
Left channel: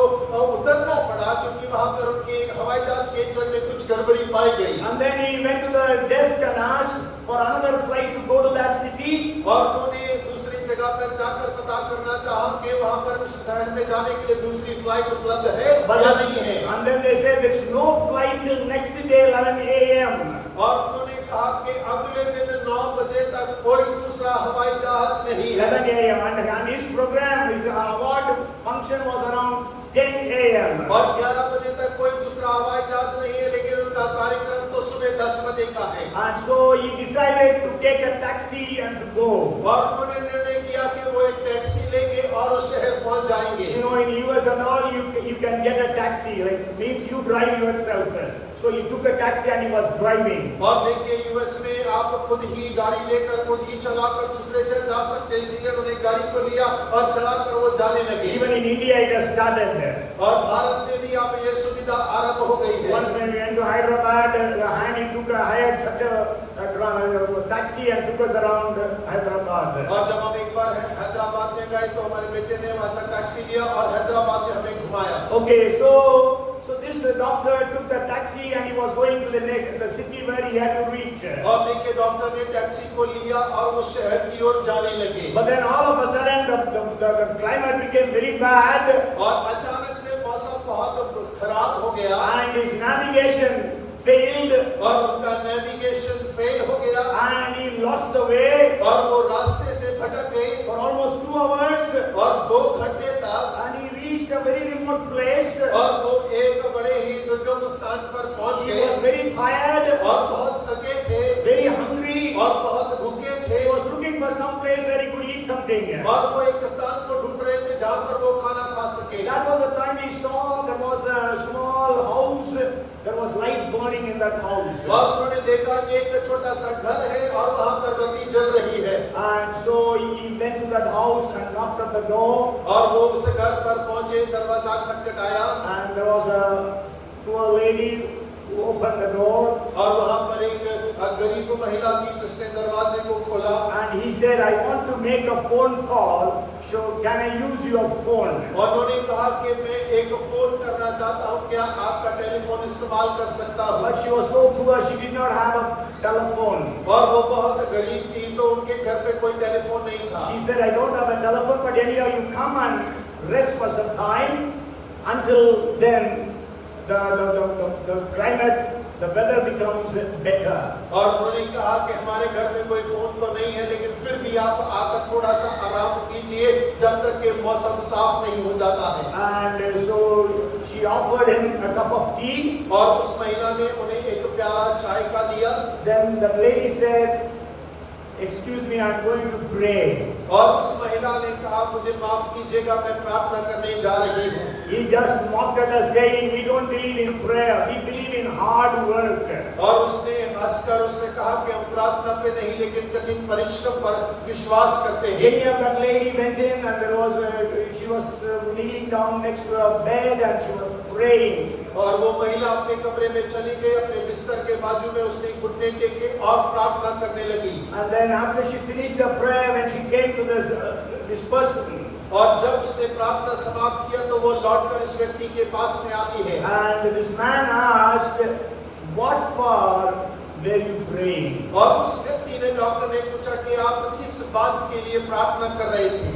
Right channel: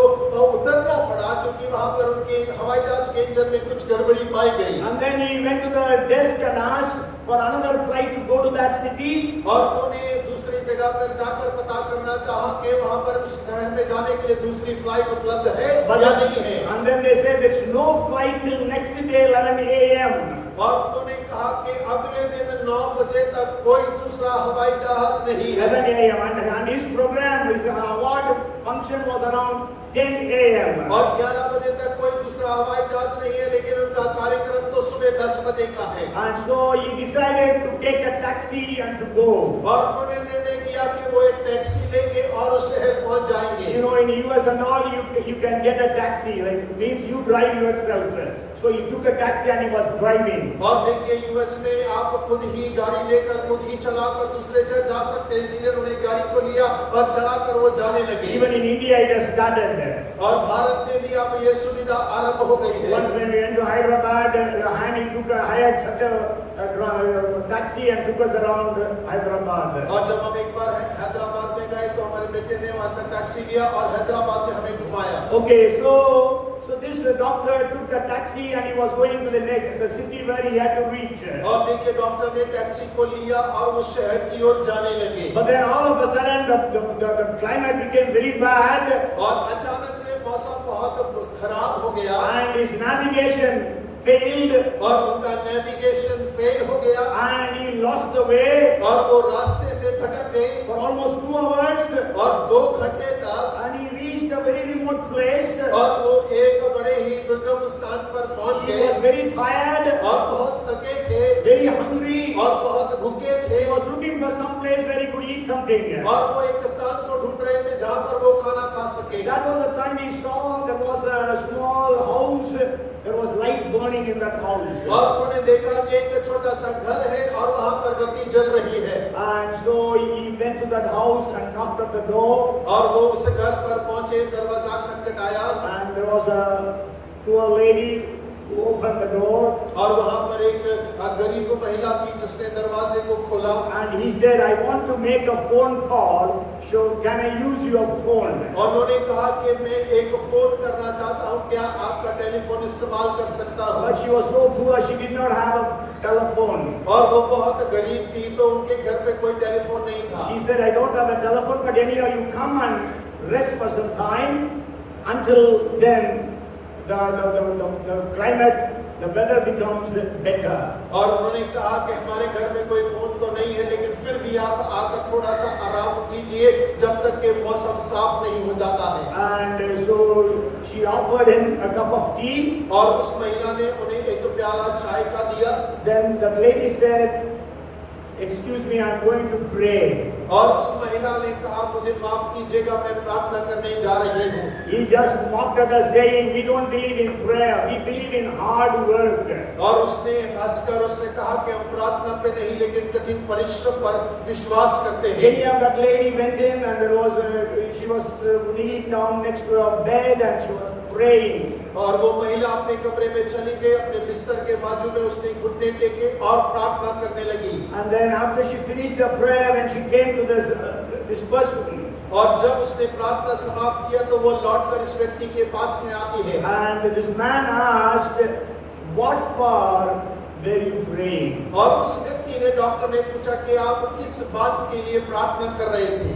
उतरना पड़ा, क्योंकि वहां पर उनके हवाई जहाज के इंजन में कुछ गड़बड़ी पाई गई। And then he went to the desk and asked for another flight to go to that city. और उन्होंने दूसरी जगह पर जाकर पता करना चाहा कि वहां पर उस शहर में जाने के लिए दूसरी फ्लाइट उपलब्ध है या नहीं है। And then they said there's no flight till next day 11 a.m. और उन्होंने कहा कि अगले दिन 9 बजे तक कोई दूसरा हवाई जहाज नहीं है। 11 a.m. and his program, his award function was around 10 a.m. और 11 बजे तक कोई दूसरा हवाई जहाज नहीं है, लेकिन उनका कार्यक्रम तो सुबह 10 बजे का है। And so he decided to take a taxi and to go. और उन्होंने निर्णय किया कि वो एक टैक्सी लेंगे और उस शहर पहुंच जाएंगे। You know, in US and all, you can get a taxi. Like means you drive yourself. So he took a taxi and he was driving. और देखिए यूएस में आप खुद ही गाड़ी लेकर खुद ही चलाकर दूसरे जगह जा सकते हैं, इसलिए उन्होंने गाड़ी को लिया और चलाकर वो जाने लगे। Even in India it has started there. और भारत में भी अब ये सुविधा आरंभ हो गई है। Once when we went to Hyderabad, and he took hired such a taxi and took us around Hyderabad. और जब हम एक बार हैदराबाद में गए तो हमारे बेटे ने वहां से टैक्सी लिया और हैदराबाद में हमें घुमाया। Okay, so this doctor took the taxi and he was going to the city where he had to reach. और देखिए डॉक्टर ने टैक्सी को लिया और उस शहर की ओर जाने लगे। But then all of a sudden the climate became very bad. और अचानक से मौसम बहुत खराब हो गया। And his navigation failed. और उनका नेविगेशन फेल हो गया। And he lost the way. और वो रास्ते से भटक गए। For almost 2 hours. और 2 घंटे तक। And he reached a very remote place. और वो एक बड़े ही दुर्गम स्थान पर पहुंच He गए। was very tired. और बहुत थके थे। Very hungry. और बहुत भूखे थे। He was looking for some place where he could eat something. और वो एक स्थान को ढूंढ रहे थे जहां पर वो खाना खा सके। That was the time he saw there was a small house. There was light burning in that house. और उन्होंने देखा कि एक छोटा सा घर है और वहां पर बत्ती जल रही है। And so he went to that house and knocked at the door. और वो उस घर पर पहुंचे, दरवाजा खटखटाया। And there was a poor lady who opened the door. और वहां पर एक गरीब महिला थी जिसने दरवाजे को खोला। And he said, I want to make a phone call. So can I use your phone? और उन्होंने कहा कि मैं एक फोन करना चाहता हूं, क्या आपका टेलीफोन इस्तेमाल कर सकता हूं? But she was so poor, she did not have a telephone. और वो बहुत गरीब थी तो उनके घर पे कोई टेलीफोन नहीं था। She said, I don't have a telephone, but anyhow you come and rest for some time. Until then, the climate, the weather becomes better. और उन्होंने कहा कि हमारे घर में कोई फोन तो नहीं है, लेकिन फिर भी आप आकर थोड़ा सा आराम कीजिए जब तक कि मौसम साफ नहीं हो जाता है। And so she offered him a cup of tea. और उस महिला ने उन्हें एक प्याला चाय का दिया। Then the lady said, excuse me, I'm going to pray. और उस महिला ने कहा मुझे माफ कीजिएगा, मैं प्रार्थना करने जा रही हूँ। He just mocked at us saying, we don't believe in prayer, we believe in hard work. और उसने हंसकर उससे कहा कि हम प्रार्थना पे नहीं लेकिन कठिन परिश्रम पर विश्वास करते हैं। Then that lady went in and there was she was kneeling down next to her bed and she was praying. और वो महिला अपने कमरे में चली गई, अपने बिस्तर के बाजू में उसने घुटने टेके और प्रार्थना करने लगी। And then after she finished her prayer, when she came to this person, और जब उसने प्रार्थना समाप्त किया तो वो लौटकर इस व्यक्ति के पास में आती है। and this man asked, what for were you praying? और उस व्यक्ति ने, डॉक्टर ने पूछा कि आप किस बात के लिए प्रार्थना कर रहे थे?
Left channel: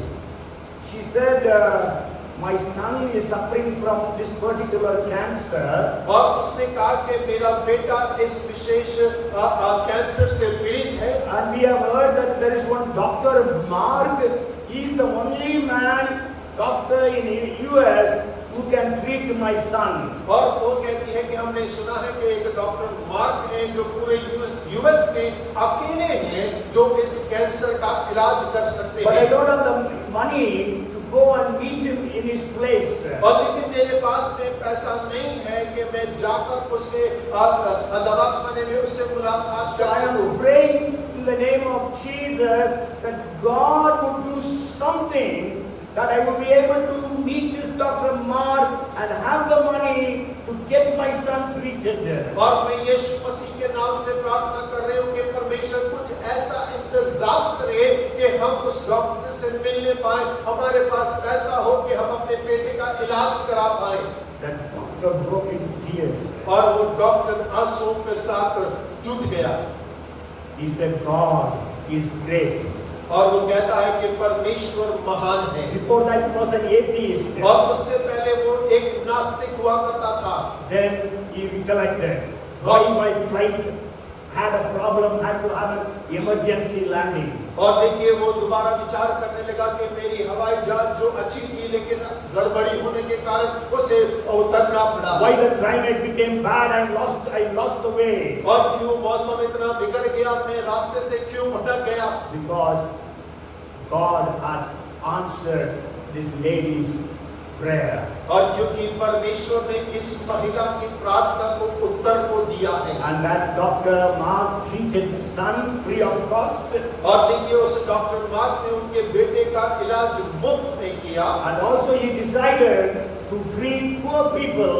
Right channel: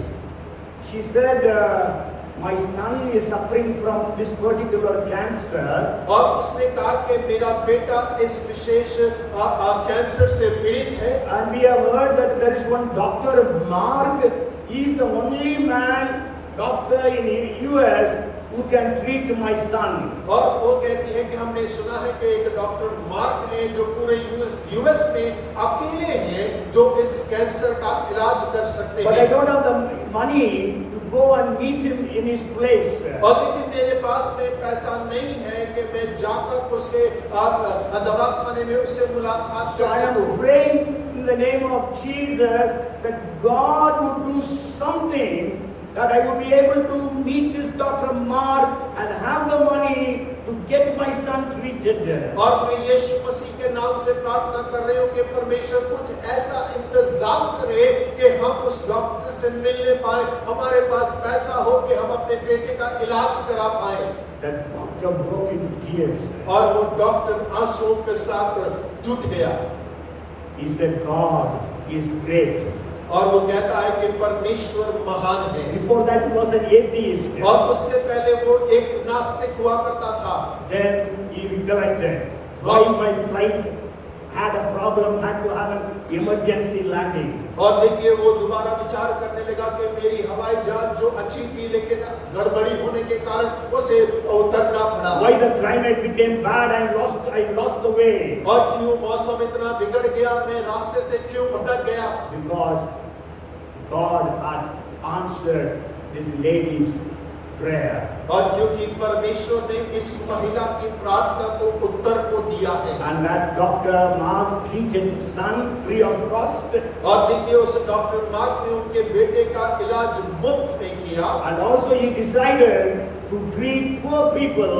She said, my son is suffering from this particular cancer. और उसने कहा कि मेरा बेटा इस विशेष कैंसर से पीड़ित है। And we have heard that there is one Dr. Mark. He is the only man, doctor in US, who can treat my son. और वो कहती है कि हमने सुना है कि एक डॉक्टर मार्क है जो पूरे यूएस में अकेले हैं जो इस कैंसर का इलाज कर सकते But I हैं। don't have the money to go and meet him in his place. और लेकिन मेरे पास में पैसा नहीं है कि मैं जाकर उसके दवाखाने में उससे मुलाकात So कर I am सकूं। praying in the name of Jesus that God would do something, that I would be able to meet this Dr. Mark and have the money to get my son treated. और मैं यीशु मसीह के नाम से प्रार्थना कर रही हूँ कि परमेश्वर कुछ ऐसा इंतजाम करे कि हम उस डॉक्टर से मिलने पाए, हमारे पास पैसा हो कि हम अपने बेटे का इलाज करा पाए। That doctor broke into tears. और वो डॉक्टर आंसुओं के साथ टूट गया। He said, God is great. और वो कहता है कि परमेश्वर महान है। Before that he was an atheist. और उससे पहले वो एक नास्तिक हुआ करता था। Then he recollected. Why my flight had a problem, had to have an emergency landing. और देखिए वो दोबारा विचार करने लगा कि मेरी हवाई जहाज जो अच्छी थी लेकिन गड़बड़ी होने के कारण उसे उतरना पड़ा। Why the climate became bad and I lost the way. और क्यों मौसम इतना बिगड़ गया, मैं रास्ते से क्यों भटक गया? Because God has answered this lady's prayer. और क्योंकि परमेश्वर ने इस महिला की प्रार्थना को उत्तर को दिया है। And that Dr. Mark treated his son free of cost. और देखिए उस डॉक्टर मार्क ने उनके बेटे का इलाज मुफ्त में किया। And also he decided to treat poor people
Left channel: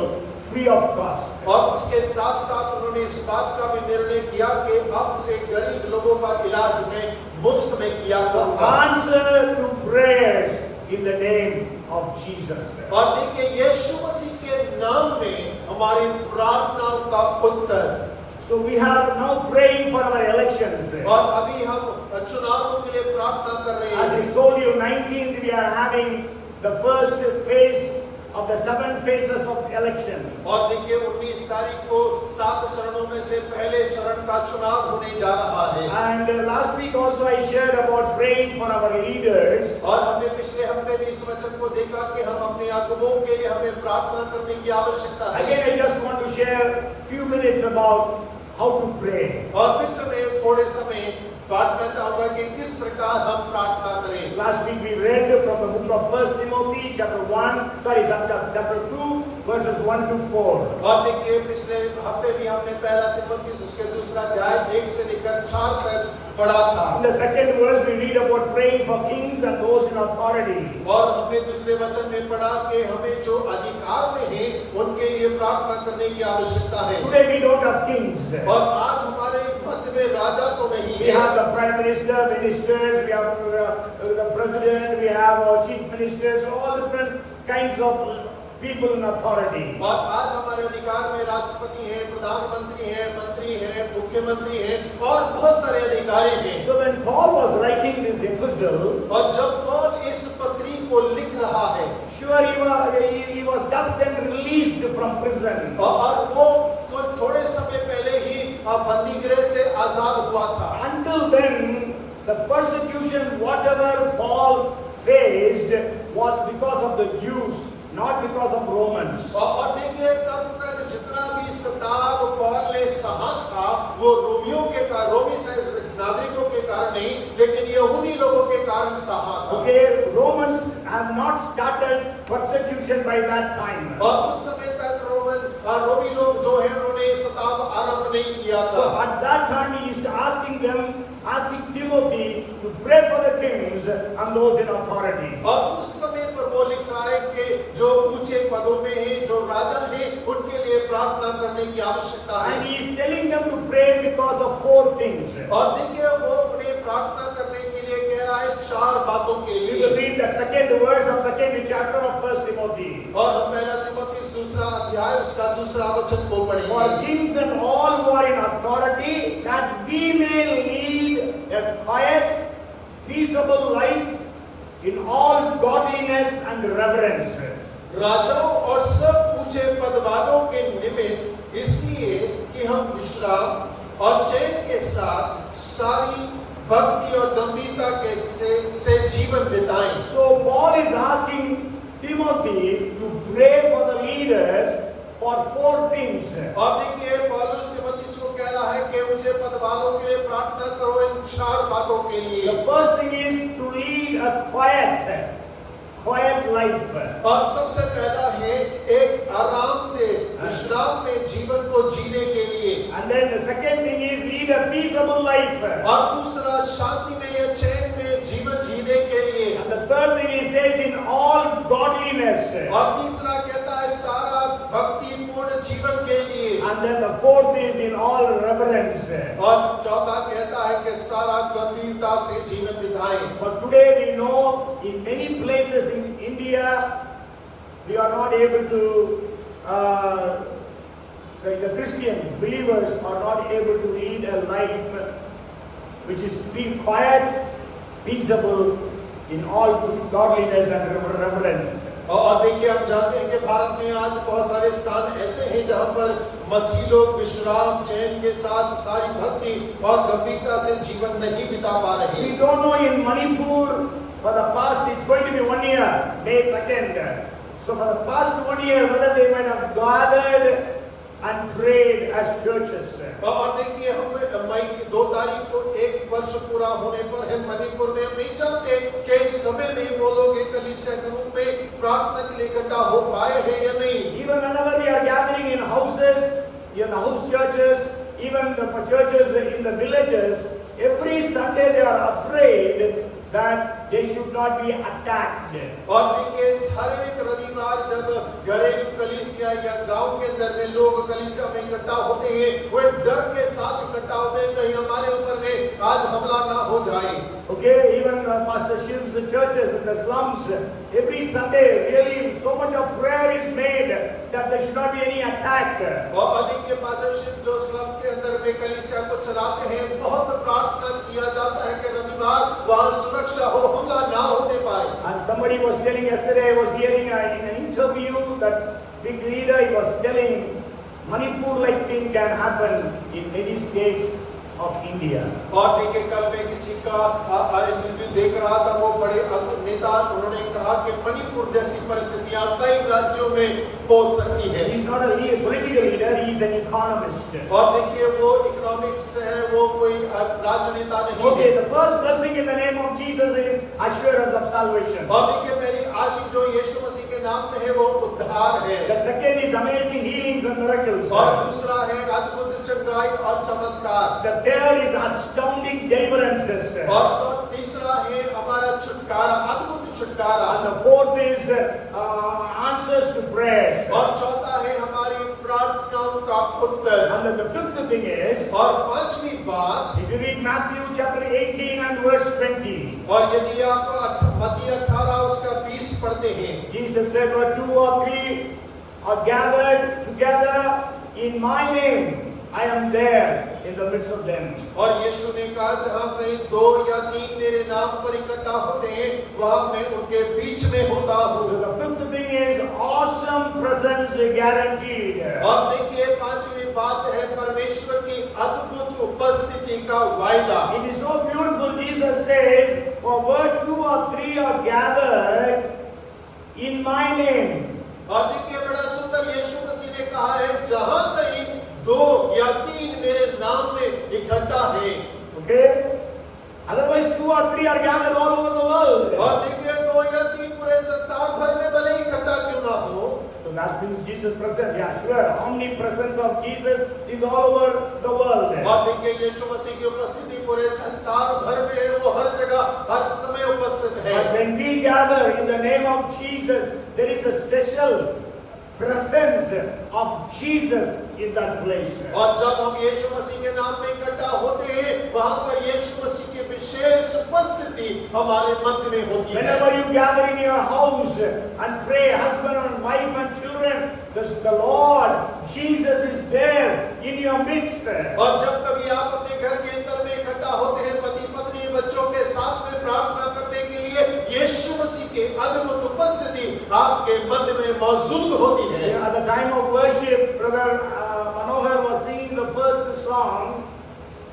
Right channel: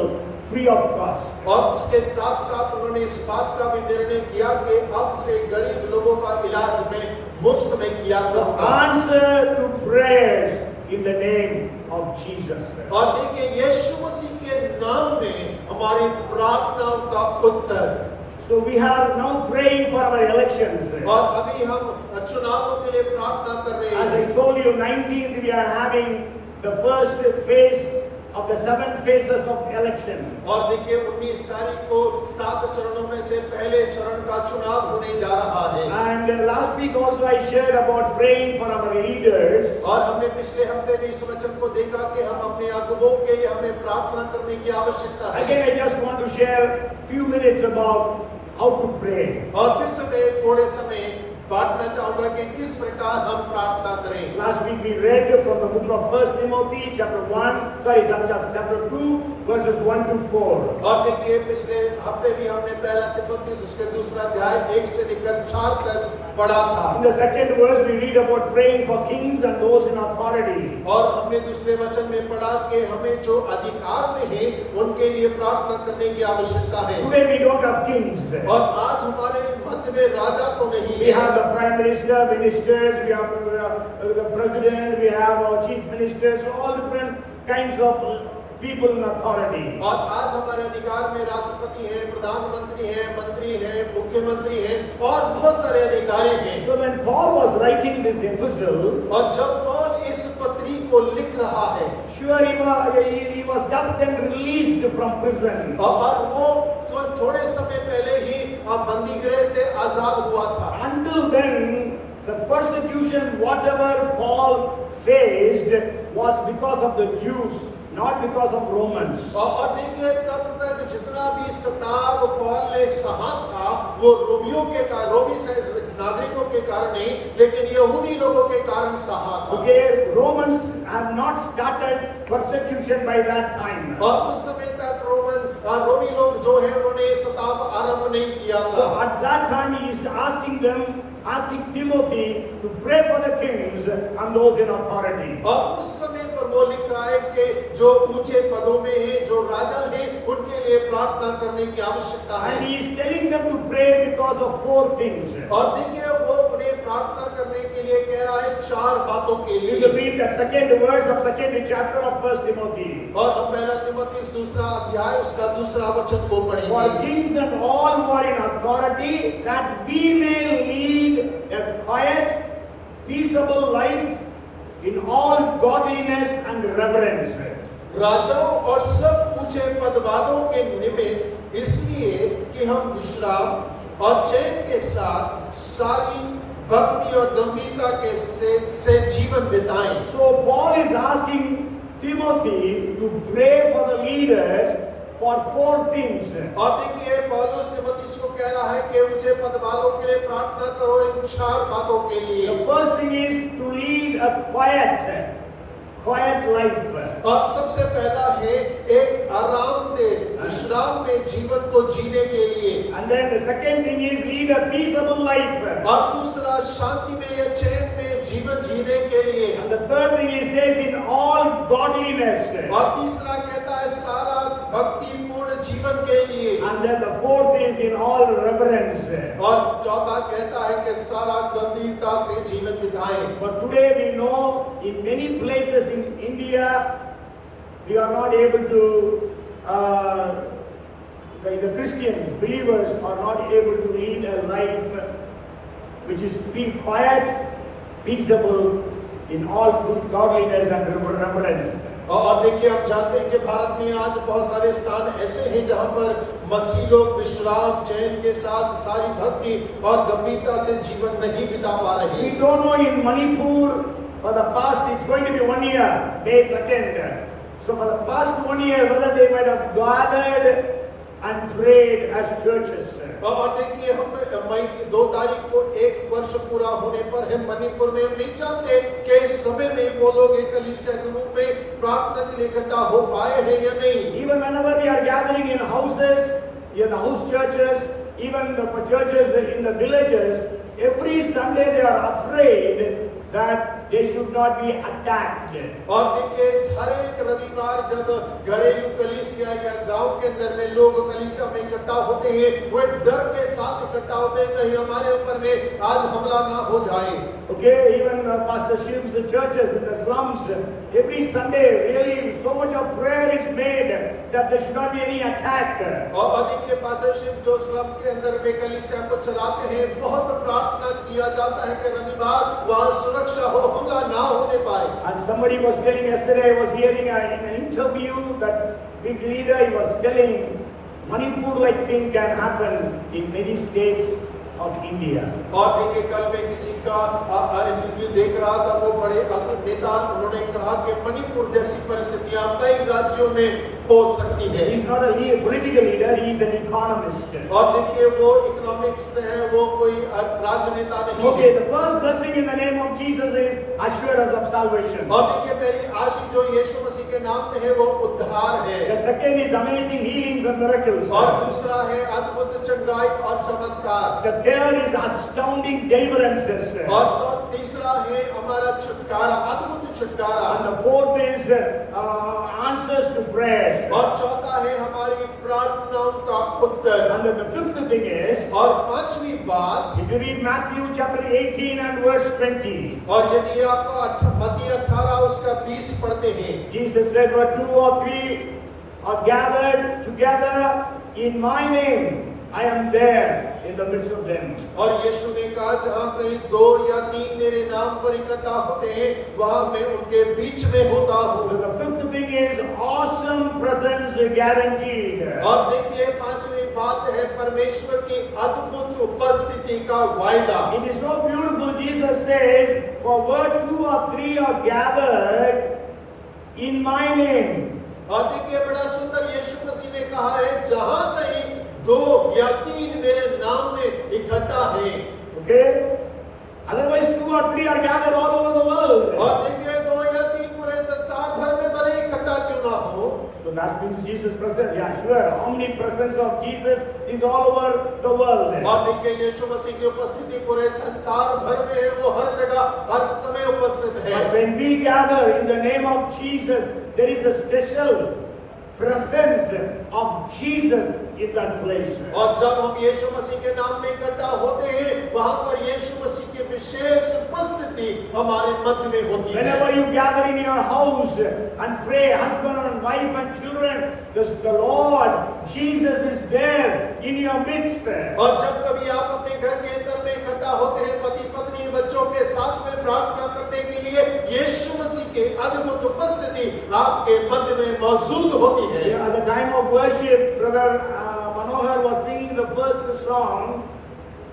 free of cost. और उसके साथ साथ उन्होंने इस बात का भी निर्णय किया कि अब से गरीब लोगों का इलाज में मुफ्त में किया जाएगा। Answer to prayers in the name of Jesus. और देखिए यीशु मसीह के नाम में हमारी प्रार्थनाओं का उत्तर। So we have now praying for our elections. और अभी हम चुनावों के लिए प्रार्थना कर रहे As हैं। I told you, 19th we are having the first phase of the 7 phases of election. और देखिए 19 तारीख को 7 चरणों में से पहले चरण का चुनाव होने जा रहा है। And last week also I shared about praying for our leaders. और हमने पिछले हफ्ते भी इस वचन को देखा कि हम अपने अगुवों के लिए हमें प्रार्थना करने की आवश्यकता है। Again, I just want to share few minutes about how to pray. और फिर से मैं थोड़े समय बांटना चाहूंगा कि किस प्रकार हम प्रार्थना करें। Last week we read from the book of 1 Timothy chapter 2 verses 1 to 4. और देखिए पिछले हफ्ते भी हमने पहला तिमोथी उसके दूसरा अध्याय 1 से लेकर 4 तक पढ़ा था। In the second verse we read about praying for kings and those in authority. और हमने दूसरे वचन में पढ़ा कि हमें जो अधिकार में हैं उनके लिए प्रार्थना करने की आवश्यकता है। Today we don't have kings. और आज हमारे मध्य में राजा तो नहीं We है। have the prime minister, ministers, we have the president, we have our chief ministers, all different kinds of people in authority. और आज हमारे अधिकार में राष्ट्रपति हैं, प्रधानमंत्री हैं, मंत्री हैं, मुख्यमंत्री हैं और बहुत सारे अधिकारी हैं। So when Paul was writing this epistle, और जब पौल इस पत्री को लिख रहा है, sure he was just then released from prison. और वो थोड़े समय पहले ही बंदी गृह से आजाद हुआ था। Until then, the persecution whatever Paul faced was because of the Jews, not because of Romans. और देखिए तब तक जितना भी सताव पौल ने सहा था वो रोमी से नागरिकों के कारण नहीं लेकिन यहूदी लोगों के कारण सहा था। Okay, Romans have not started persecution by that time. और उस समय तक रोमी लोग जो है उन्होंने सताव आरंभ नहीं किया था। So at that time he is asking Timothy to pray for the kings and those in authority. और उस समय पर वो लिख रहा है कि जो ऊंचे पदों में हैं, जो राजा हैं, उनके लिए प्रार्थना करने की आवश्यकता है। And he is telling them to pray because of 4 things. और देखिए वो उन्हें प्रार्थना करने के लिए कह रहा है 4 बातों के You लिए। will read the second verse of second chapter of 1 Timothy. और हम पहला तिमोथी दूसरा अध्याय उसका दूसरा वचन को For पढ़ेंगे। kings and all who are in authority, that we may lead a quiet, peaceable life in all godliness and reverence. राजाओं और सब ऊंचे पदवालों के निमित्त इसलिए कि हम विश्राम और चैन के साथ सारी भक्ति और गंभीरता के से जीवन बिताएं। So Paul is asking Timothy to pray for the leaders for 4 things. और देखिए पौलुस तिमोथी को कह रहा है कि ऊंचे पद वालों के लिए प्रार्थना करो इन 4 बातों के लिए। The first thing is to lead a quiet life. और सबसे पहला है एक आरामदेह विश्राम में जीवन को जीने के लिए। And then the second thing is lead a peaceable life. और दूसरा शांति में या चैन में जीवन जीने के लिए। And the third thing he says in all godliness. और तीसरा कहता है सारा भक्तिपूर्ण जीवन के लिए। And then the fourth is in all reverence. और चौथा कहता है कि सारा गंभीरता से जीवन बिताएं। But today we know in many places in India we are not able to the Christians, believers are not able to lead a life which is quiet, peaceable, in all good godliness and reverence. और देखिए हम जानते हैं कि भारत में आज बहुत सारे स्थान ऐसे हैं जहां पर मसीह लोग विश्राम चैन के साथ सारी भक्ति और गंभीरता से जीवन नहीं बिता पा रहे। We don't know in Manipur for the past, it's going to be 1 year, May 2nd. So for the past 1 year, whether they might have gathered and prayed as churches. और देखिए हम मई 2 तारीख को 1 वर्ष पूरा होने पर हम मणिपुर में नहीं जानते कि इस समय में वो लोग एक कलीसिया के रूप में प्रार्थना के लिए इकट्ठा हो पाए हैं या नहीं। Even whenever we are gathering in houses, in the house churches, even the churches in the villages, every Sunday they are afraid that they should not be attacked. और देखिए हर एक रविवार जब घरेलू कलीसिया या गांव के अंदर में लोग कलीसिया में इकट्ठा होते हैं, वे डर के साथ इकट्ठा होते हैं कहीं हमारे ऊपर में आज हमला ना हो जाए। Okay, even Pastor Shiv's churches in the slums, every Sunday really so much of prayer is made that there should not be any attack. और देखिए पास्टर शिव जो स्लम के अंदर में कलीसिया को चलाते हैं, बहुत प्रार्थना किया जाता है कि रविवार वहाँ सुरक्षा हो, हमला ना होने पाए। And somebody was telling yesterday, I was hearing in an interview that big leader, he was telling Manipur-like thing can happen in many states of India. और देखिए कल मैं किसी का इंटरव्यू देख रहा था, वो बड़े नेता, उन्होंने कहा कि मणिपुर जैसी परिस्थितियां कई राज्यों में हो सकती है। He is not a political leader, he is an economist. और देखिए वो इकोनॉमिक्स है, वो कोई राजनेता नहीं Okay, है। the first blessing in the name of Jesus is assurance of salvation. और देखिए पहली आशीष जो यीशु मसीह के नाम में है वो उद्धार है। The second is amazing healings and miracles. और दूसरा है अद्भुत चंगाई और चमत्कार। The third is astounding deliverances. और तीसरा है हमारा छुटकारा, अद्भुत छुटकारा। And the fourth is answers to prayers. और चौथा है हमारी प्रार्थनाओं का उत्तर। And then the fifth thing is, और पांचवी बात, if you read Matthew chapter 18 and verse 20, और यदि आप मत्ती 18 उसका 20 पढ़ते हैं, Jesus said, where 2 or 3 are gathered together in my name, I am there in the midst of them. और यीशु ने कहा जहाँ कहीं 2 या 3 मेरे नाम पर इकट्ठा होते हैं, वहाँ मैं उनके बीच में होता हूँ। So the fifth thing is awesome presence guaranteed. और देखिए पांचवी बात है परमेश्वर की अद्भुत उपस्थिति का वायदा। It is so beautiful. Jesus says, for where 2 or 3 are gathered in my name. और देखिए बड़ा सुंदर यीशु मसीह ने कहा है जहाँ कहीं 2 या 3 मेरे नाम में इकट्ठा है। Okay? Otherwise 2 or 3 are gathered all over the world. और देखिए 2 या 3 पूरे संसार भर में भले इकट्ठा क्यों ना हो। So that means Jesus present. Yeah, sure. Omnipresence of Jesus is all over the world. और देखिए यीशु मसीह की उपस्थिति पूरे संसार भर में है, वो हर जगह हर समय उपस्थित है। But when we gather in the name of Jesus, there is a special presence of Jesus in that place. और जब हम यीशु मसीह के नाम में इकट्ठा होते हैं, वहाँ पर यीशु मसीह की विशेष उपस्थिति हमारे मध्य में होती है। Whenever you gather in your house and pray, husband and wife and children, the Lord Jesus is there in your midst. और जब कभी आप अपने घर के अंदर में इकट्ठा होते हैं, पति पत्नी बच्चों के साथ में प्रार्थना करने के लिए, यीशु मसीह की अद्भुत उपस्थिति आपके मध्य में मौजूद होती है। At the time of worship, Brother Manohar was singing the first song.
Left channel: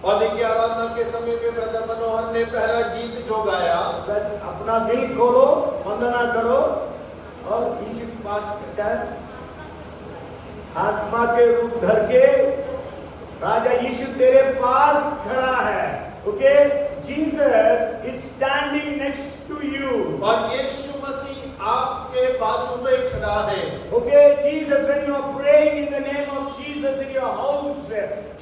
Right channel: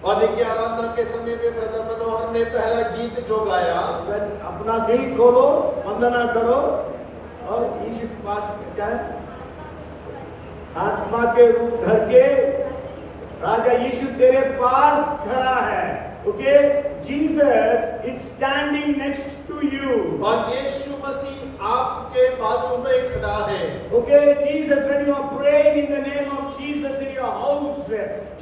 और देखिए आराधना के समय में ब्रदर मनोहर ने पहला गीत जो गाया, अपना दिल खोलो, वंदना करो और यीशु के पास क्या है? आत्मा के रूप धर के राजा यीशु तेरे पास खड़ा है। Okay, Jesus is standing next to you. और यीशु मसीह आपके बाजू में खड़ा है। Okay, Jesus, when you are praying in the name of Jesus in your house,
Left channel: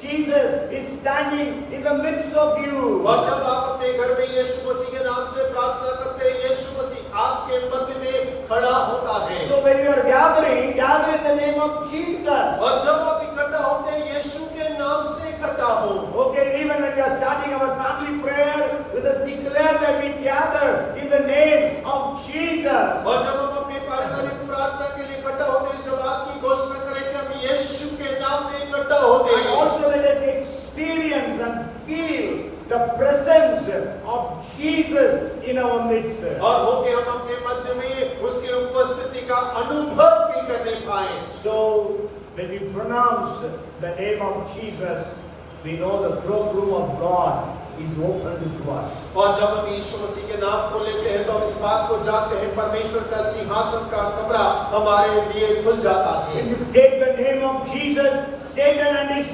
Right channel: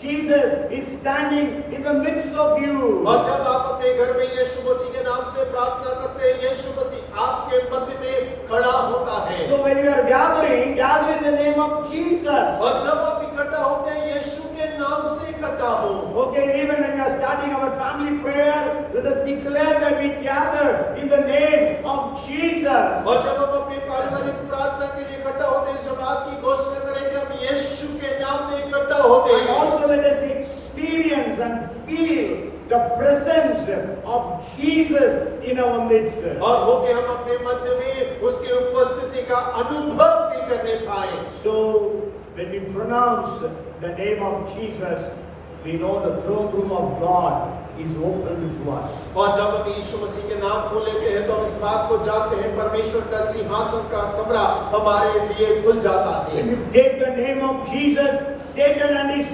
Jesus is standing in the midst of you. और जब आप अपने घर में यीशु मसीह के नाम से प्रार्थना करते हैं, यीशु मसीह आपके मध्य में खड़ा होता है। So when you are gathering, gather in the name of Jesus. और जब आप इकट्ठा होते हैं यीशु के नाम से इकट्ठा हो। Okay, even when we are starting our family prayer, let us declare that we gather in the name of Jesus. और जब हम अपनी पारिवारिक प्रार्थना के लिए इकट्ठा होते हैं इस बात की घोषणा करें कि हम यीशु के नाम में इकट्ठा होते And हैं। also let us experience and feel the presence of Jesus in our midst. और हो के हम अपने मध्य में उसकी उपस्थिति का अनुभव भी करने पाए। So when we pronounce the name of Jesus, we know the throne room of God is open to us. और जब हम यीशु मसीह के नाम को लेते हैं तो हम इस बात को जानते हैं परमेश्वर का सिंहासन का कमरा हमारे लिए खुल जाता है। When you take the name of Jesus, Satan and his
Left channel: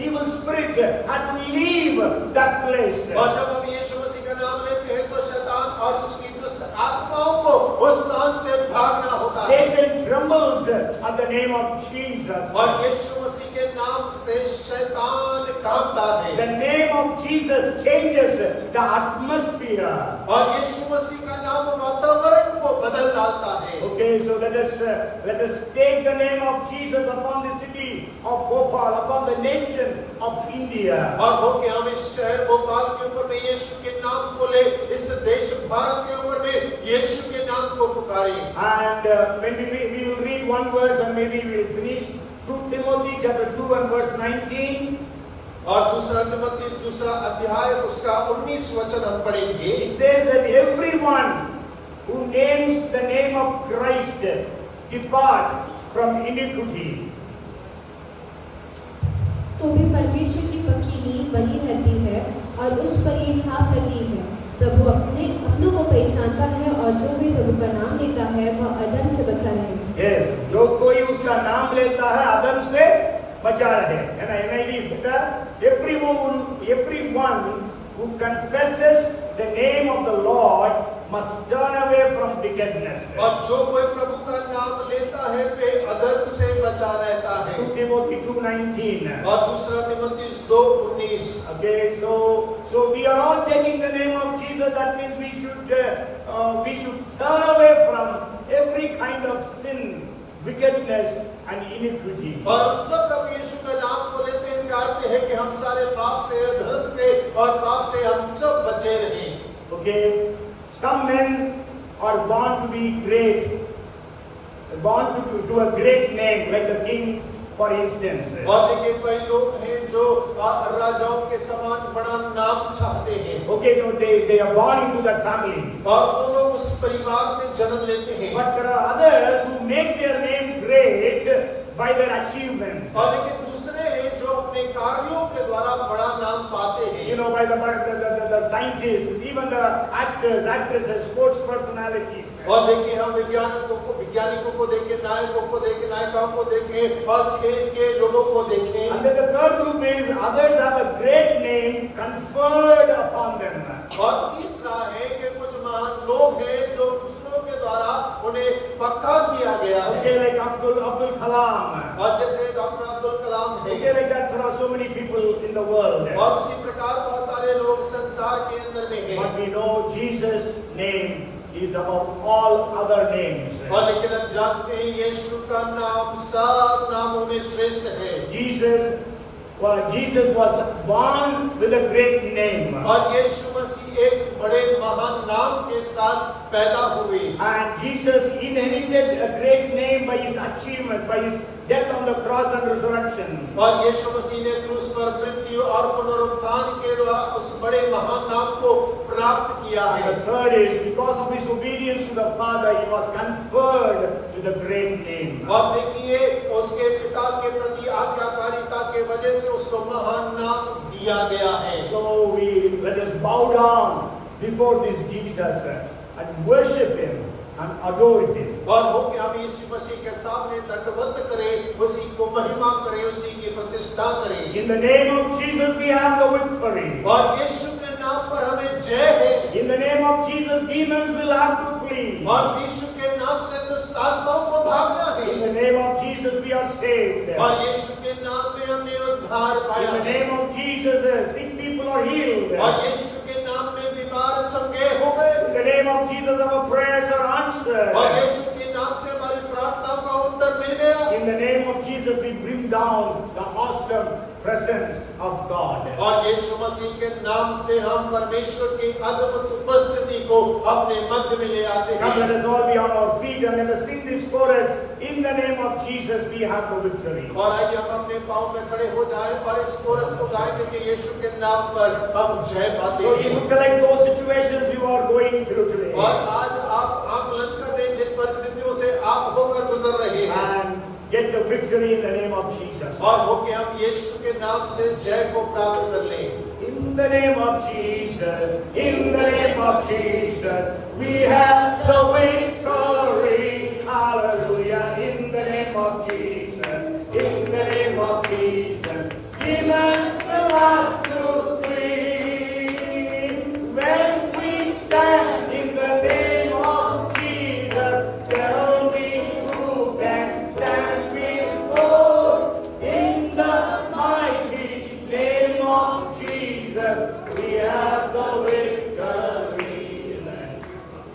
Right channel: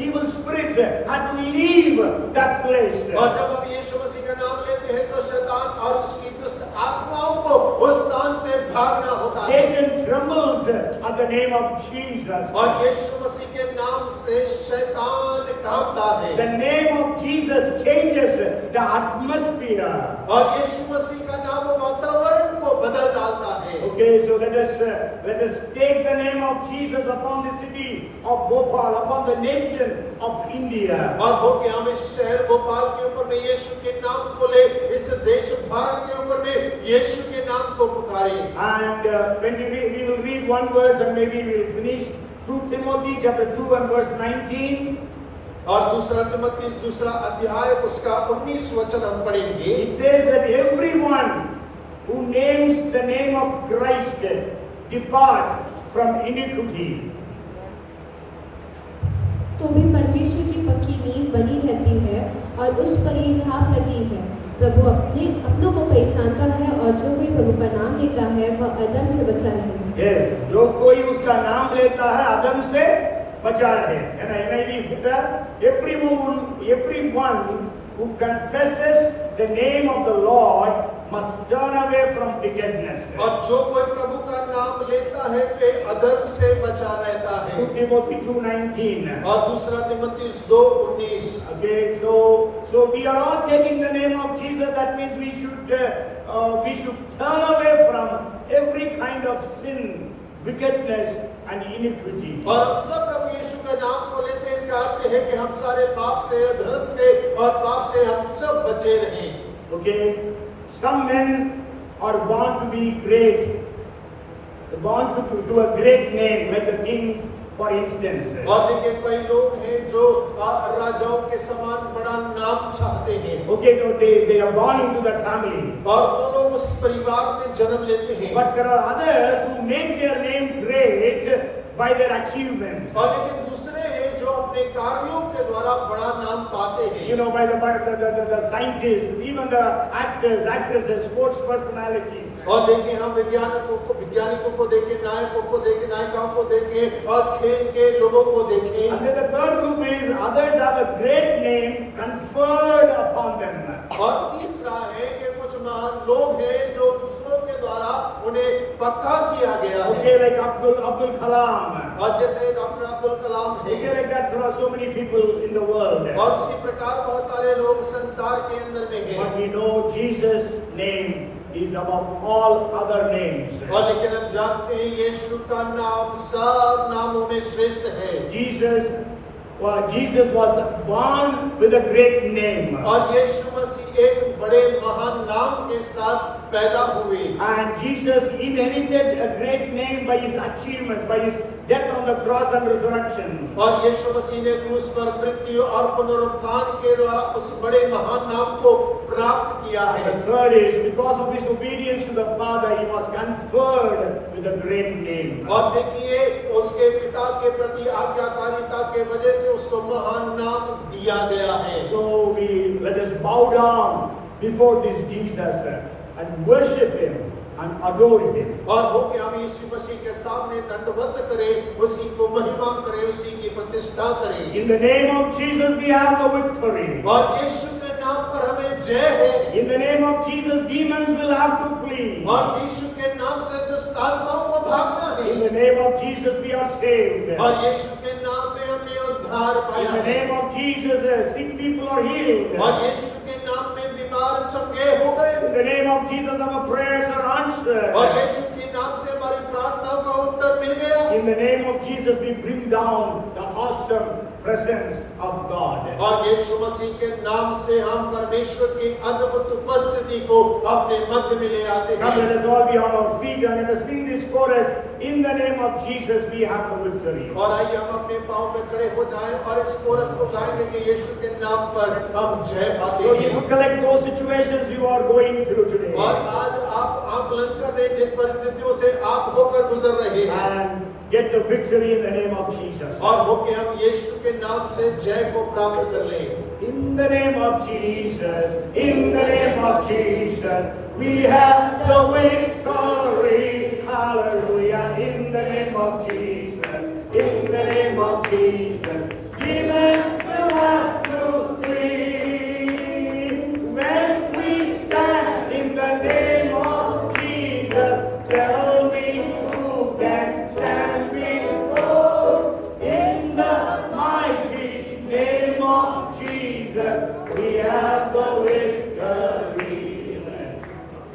evil spirits had to leave that place. और जब हम यीशु मसीह का नाम लेते हैं तो शैतान और उसकी दुष्ट आत्माओं को उस स्थान से भागना होता है। Satan trembles at the name of Jesus. और यीशु मसीह के नाम से शैतान कांपता है। The name of Jesus changes the atmosphere. और यीशु मसीह का नाम वातावरण को बदल डालता है। Okay, so let us take the name of Jesus upon the city of Bhopal, upon the nation of India. और हो के हम इस शहर भोपाल के ऊपर में यीशु के नाम को ले, इस देश भारत के ऊपर में यीशु के नाम को पुकारें। And when we will read one verse and maybe we will finish 2 Timothy chapter 2 and verse 19. और दूसरा तिमोथी दूसरा अध्याय उसका 19 वचन हम पढ़ेंगे। It says that everyone who names the name of Christ depart from iniquity. तो भी परमेश्वर की पक्की नींव बनी रहती है और उस पर ये छाप लगी है, प्रभु अपनों को पहचानता है और जो भी प्रभु का नाम लेता है वह अधर्म से बचा रहेगा। Yes, जो कोई उसका नाम लेता है अधर्म से बचा रहे। And NIV is everyone who confesses the name of the Lord must turn away from wickedness. और जो कोई प्रभु का नाम लेता है वे अधर्म से बचा रहता है। 2 Timothy 2:19. और दूसरा Timothy 2:19। Okay, so we are all taking the name of Jesus. That means we should turn away from every kind of sin, wickedness and iniquity. और हम सब प्रभु यीशु का नाम को लेते हैं इसका अर्थ है कि हम सारे पाप से, धर्म से और पाप से हम सब बचे रहें। Okay, some men are born to be great, born to a great name like the kings, for instance. और देखिए कई लोग हैं जो राजाओं के समान बड़ा नाम चाहते हैं। Okay, no, they are born into that family. और वो लोग उस परिवार में जन्म लेते हैं। But there are others who make their name great by their achievements. और लेकिन दूसरे हैं जो अपने कार्यों के द्वारा बड़ा नाम पाते हैं। You know, by the scientists, even the actors, actresses, sports personalities. और देखिए हम वैज्ञानिकों को देखें, नायकों को देखें, नायिकाओं को देखें और खेल के लोगों को देखें। And then the third group is others have a great name conferred upon them. और तीसरा है कि कुछ महान लोग हैं जो दूसरों के द्वारा उन्हें पक्का किया गया है। Okay, like Abdul Kalam. और जैसे डॉक्टर अब्दुल कलाम Okay, थे। like that there are so many people in the world. और उसी प्रकार बहुत सारे लोग संसार के अंदर में हैं। But we know Jesus' name is above all other names. और लेकिन हम जानते हैं यीशु का नाम सब नामों में श्रेष्ठ है। Jesus was born with a great name. और यीशु मसीह एक बड़े महान नाम के साथ पैदा हुए। And Jesus inherited a great name by his achievements, by his death on the cross and resurrection. और यीशु मसीह ने क्रूस पर मृत्यु और पुनरुत्थान के द्वारा उस बड़े महान नाम को प्राप्त किया And है। the third is because of his obedience to the Father, he was conferred with a great name. और देखिए उसके पिता के प्रति आज्ञाकारिता के वजह से उसको महान नाम दिया गया है। So let us bow down before this Jesus and worship him and adore him. और हो के हम यीशु मसीह के सामने दंडवत करें, उसी को महिमा करें, उसी की प्रतिष्ठा करें। In the name of Jesus we have the victory. और यीशु के नाम पर हमें जय है। In the name of Jesus demons will have to flee. और यीशु के नाम से दुष्ट आत्माओं को भागना है। In the name of Jesus we are saved. और यीशु के नाम में हमने उद्धार पाया In the है। name of Jesus sick people are healed. और यीशु के नाम में बीमार चंगे हो गए। In the name of Jesus, our prayers are answered. और यीशु के नाम से हमारी प्रार्थनाओं का उत्तर मिल गया। In the name of Jesus, we bring down the awesome presence of God. और यीशु मसीह के नाम से हम परमेश्वर की अद्भुत उपस्थिति को अपने मध्य में ले आते Come, हैं। let us all be on our feet and let us sing this chorus. In the name of Jesus, we have the victory. और आइए हम अपने पांव में खड़े हो जाएं और इस कोरस को गाएंगे कि यीशु के नाम पर हम जय पाते So हैं। you collect those situations you are going through today. और आज आप आकलन कर रहे हैं जिन परिस्थितियों से आप होकर गुजर रहे हैं And get the victory in the name of Jesus. और होके हम यीशु के नाम से जय को प्राप्त कर लें। In the name of Jesus, in the name of Jesus, we have the victory. Hallelujah. In the name of Jesus, in the name of Jesus, demons will have to flee. When we stand in the name of Jesus, tell me who can stand before. In the mighty name of Jesus, we have the victory.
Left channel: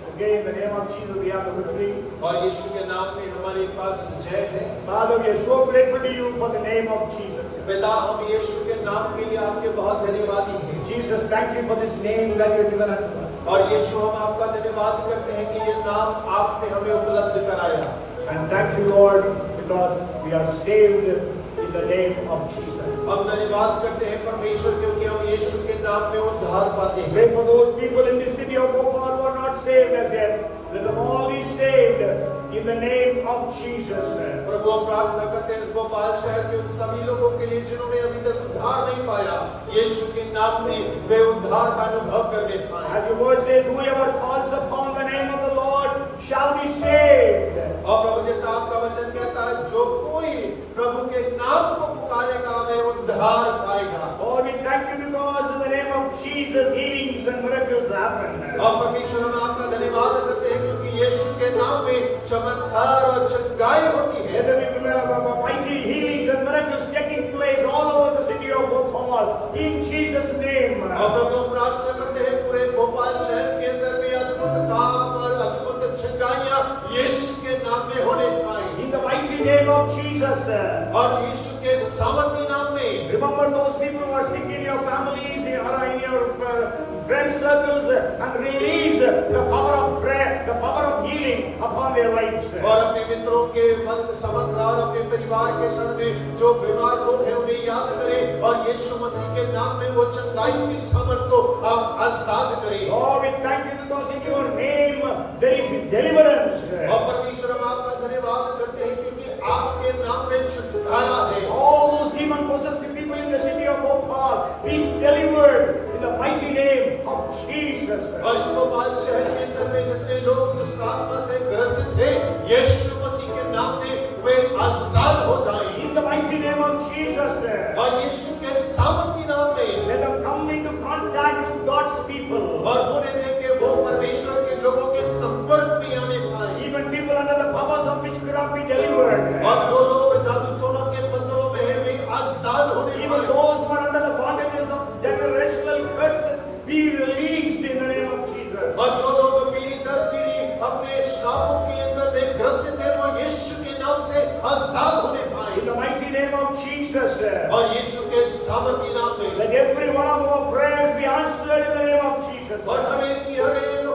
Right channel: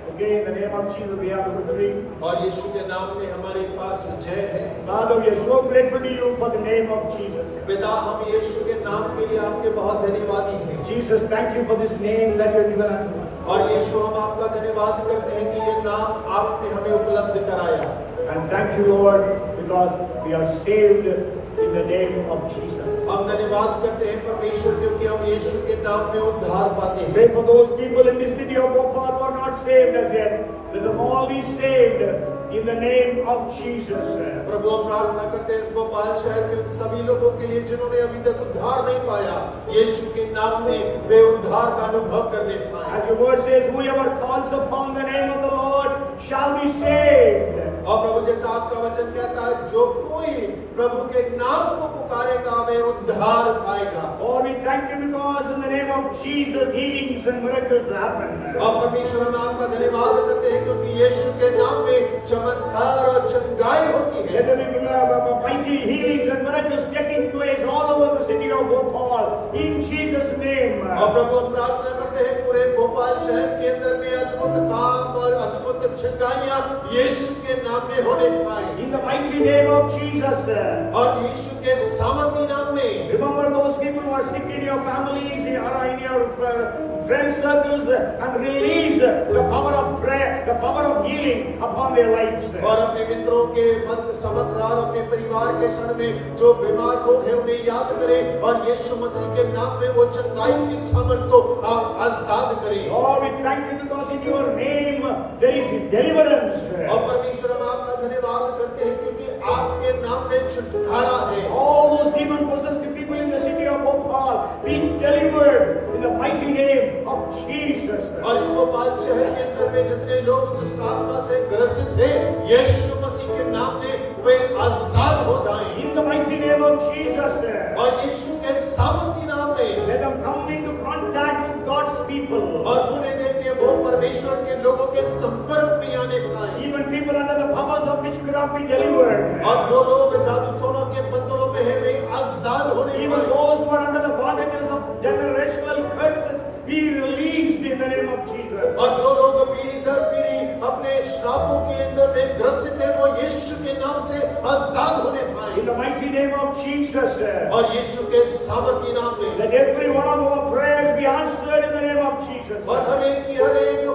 Okay, in the name of Jesus, we have the victory. और यीशु के नाम में हमारे पास जय है। Father, we are so grateful to you for the name of Jesus. पिता हम यीशु के नाम के लिए आपके बहुत धन्यवादी हैं। Jesus, thank you for this name that you have given unto us. और यीशु हम आपका धन्यवाद करते हैं कि ये नाम आपने हमें उपलब्ध कराया। And thank you, Lord, because we are saved in the name of Jesus. हम धन्यवाद करते हैं परमेश्वर क्योंकि हम यीशु के नाम में उद्धार पाते हैं। Pray for those people in the city of Bhopal who are not saved as yet. Let them all be saved in the name of Jesus. प्रभु हम प्रार्थना करते हैं इस भोपाल शहर के उन सभी लोगों के लिए जिन्होंने अभी तक उद्धार नहीं पाया, यीशु के नाम में वे उद्धार का अनुभव करने पाए। As your word says, whoever calls upon the name of the Lord shall be saved. और प्रभु जैसा आपका वचन कहता है जो कोई प्रभु के नाम को पुकारेगा वे उद्धार पाएगा। Lord, we thank you because in the name of Jesus, healings and miracles happen. और परमेश्वर हम आपका धन्यवाद करते हैं क्योंकि यीशु के नाम में चमत्कार और चंगाई होती है। Let there be mighty healings and miracles taking place all over the city of Bhopal in Jesus' name. और प्रभु हम प्रार्थना करते हैं पूरे भोपाल शहर के अंदर में अद्भुत काम और अद्भुत चंगाइयां यीशु के नाम में होने पाए। In the mighty name of Jesus. और यीशु के सामर्थ्य नाम में Remember those people who are sick in your families or in your friend circles and release the power of prayer, the power of healing upon their lives. और अपने मित्रों के मध्य समग्र और अपने परिवार के क्षण में जो बीमार लोग हैं उन्हें याद करें और यीशु मसीह के नाम में वो चंगाई की सामर्थ को आप आजाद करें। Lord, we thank you because in your name there is deliverance. और परमेश्वर हम आपका धन्यवाद करते हैं क्योंकि आपके नाम में छुटकारा है। All those demon possessed people in the city of Bhopal be delivered in the mighty name of Jesus. और इस भोपाल शहर के अंदर में जितने लोग दुष्ट आत्मा से ग्रसित हैं यीशु मसीह के नाम में वे आजाद हो जाएं। In the mighty name of Jesus. और यीशु के सामर्थ्य नाम में Let them come into contact with God's people. और होने दे के वो परमेश्वर के लोगों के संपर्क में आने पाए। Even people under the powers of witchcraft be delivered. और जो लोग जादू टोनों के बंधनों में हैं वे आजाद होने Even पाए। those who are under the bondages of generational curses be released in the name of Jesus. और जो लोग पीढ़ी दर पीढ़ी अपने श्रापों के अंदर में ग्रसित हैं वो यीशु के नाम से आजाद होने पाए। In the mighty name of Jesus. और यीशु के सामर्थ्य नाम में Let every one of our prayers be answered in the name of Jesus. और हर एक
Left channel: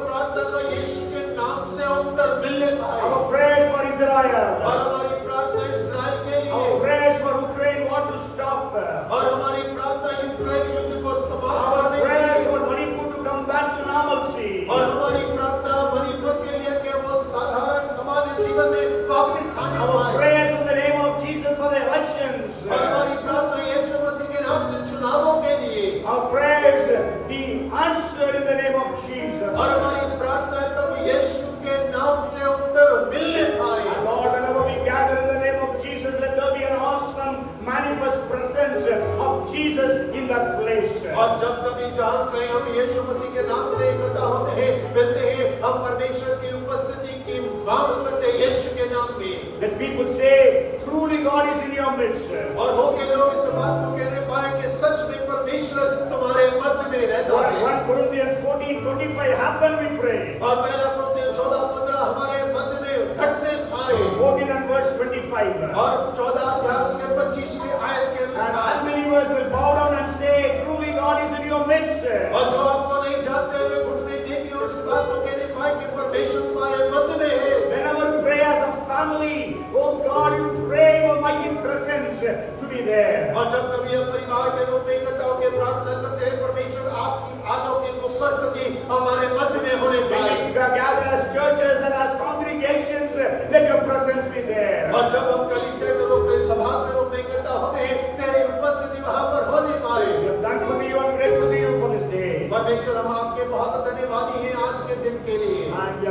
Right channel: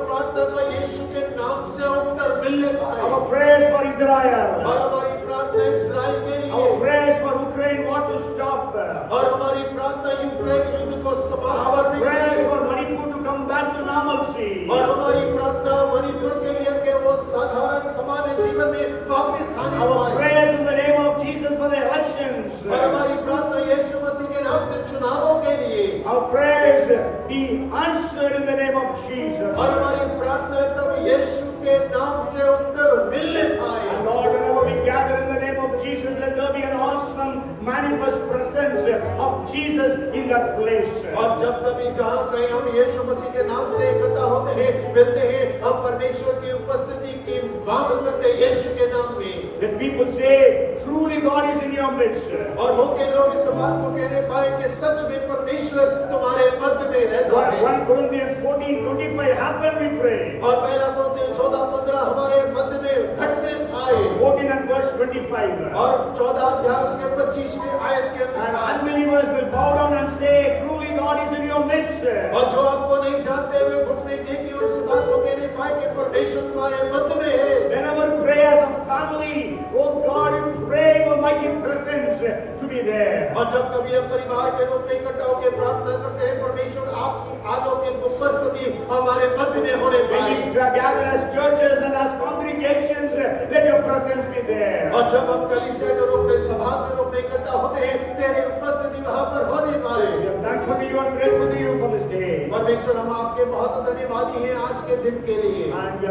प्रार्थना का यीशु के नाम से उत्तर मिलने पाए। Our prayers for और Israel. हमारी प्रार्थना इस्राएल के Our लिए prayers for Ukraine war to stop. और हमारी प्रार्थना यूक्रेन युद्ध को समाप्त Our करने के prayers लिए for Manipur to come back to normalcy. और हमारी प्रार्थना मणिपुर के लिए कि वो साधारण सामान्य जीवन में वापस आने Our पाए। prayers in the name of Jesus for the elections. और हमारी प्रार्थना यीशु मसीह के नाम से चुनावों के लिए Our prayers be answered in the name of Jesus. और हमारी प्रार्थना प्रभु यीशु के नाम से उत्तर मिलने पाए। And Lord, whenever we gather in the name of Jesus, let there be an awesome manifest presence of Jesus in that place. और जब कभी जहाँ कहीं हम यीशु मसीह के नाम से इकट्ठा होते हैं मिलते हैं हम परमेश्वर की उपस्थिति की मांग करते हैं यीशु के नाम में। Let people will say, truly God is in your midst. और हो के लोग इस बात को कहने पाए कि सच में परमेश्वर तुम्हारे मध्य में रहता है। 1 Corinthians 14:25 happened, we pray. और पहला कुरिन्थियों 14:15 हमारे मध्य में घटने पाए। 14 and verse 25. और 14 अध्याय के 25वें आयत के And अनुसार unbelievers will bow down and say, truly God is in your midst. और जो आपको नहीं जानते हुए घुटने टेकी और इस बात को कहने पाए कि परमेश्वर तुम्हारे मध्य में है। Whenever pray as a family, oh God, pray your mighty presence to be there. और जब कभी हम परिवार के रूप में इकट्ठा होकर प्रार्थना करते हैं परमेश्वर आपकी अलौकिक उपस्थिति हमारे मध्य में होने When पाए। we gather as churches and as congregations, let your presence be there. और जब हम कलीसिया के रूप में सभा के रूप में इकट्ठा होते हैं तेरी उपस्थिति वहां पर होने पाए। We are thankful to you and grateful to you for this day. परमेश्वर हम आपके बहुत धन्यवादी हैं आज के दिन के लिए। And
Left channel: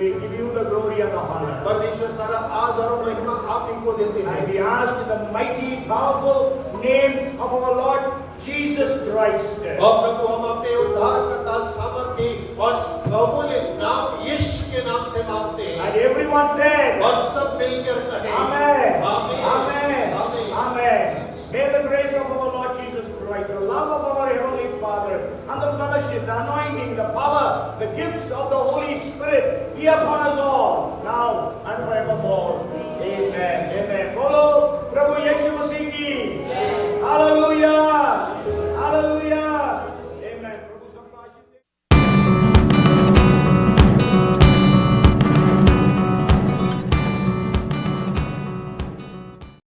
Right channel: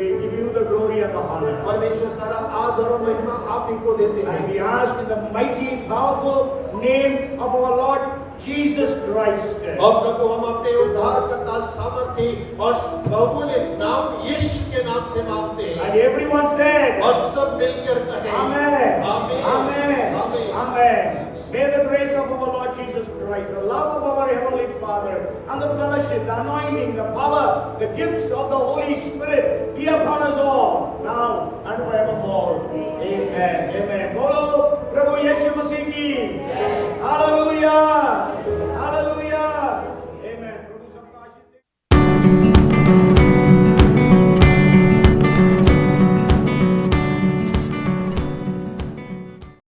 we give you the glory and the honor. परमेश्वर सारा आदर और महिमा आप ही को देते And हैं। we ask in the mighty, powerful name of our Lord Jesus Christ. और प्रभु हम अपने उद्धारकर्ता सामर्थी और बहुमूल्य नाम यीशु के नाम से मांगते हैं। And everyone said, और सब मिलकर कहें Amen. आमीन Amen. आमीन। Amen. May the grace of our Lord Jesus Christ, the love of our Heavenly Father, and the fellowship, the anointing, the power, the gifts of the Holy Spirit be upon us all, now and forevermore. Amen.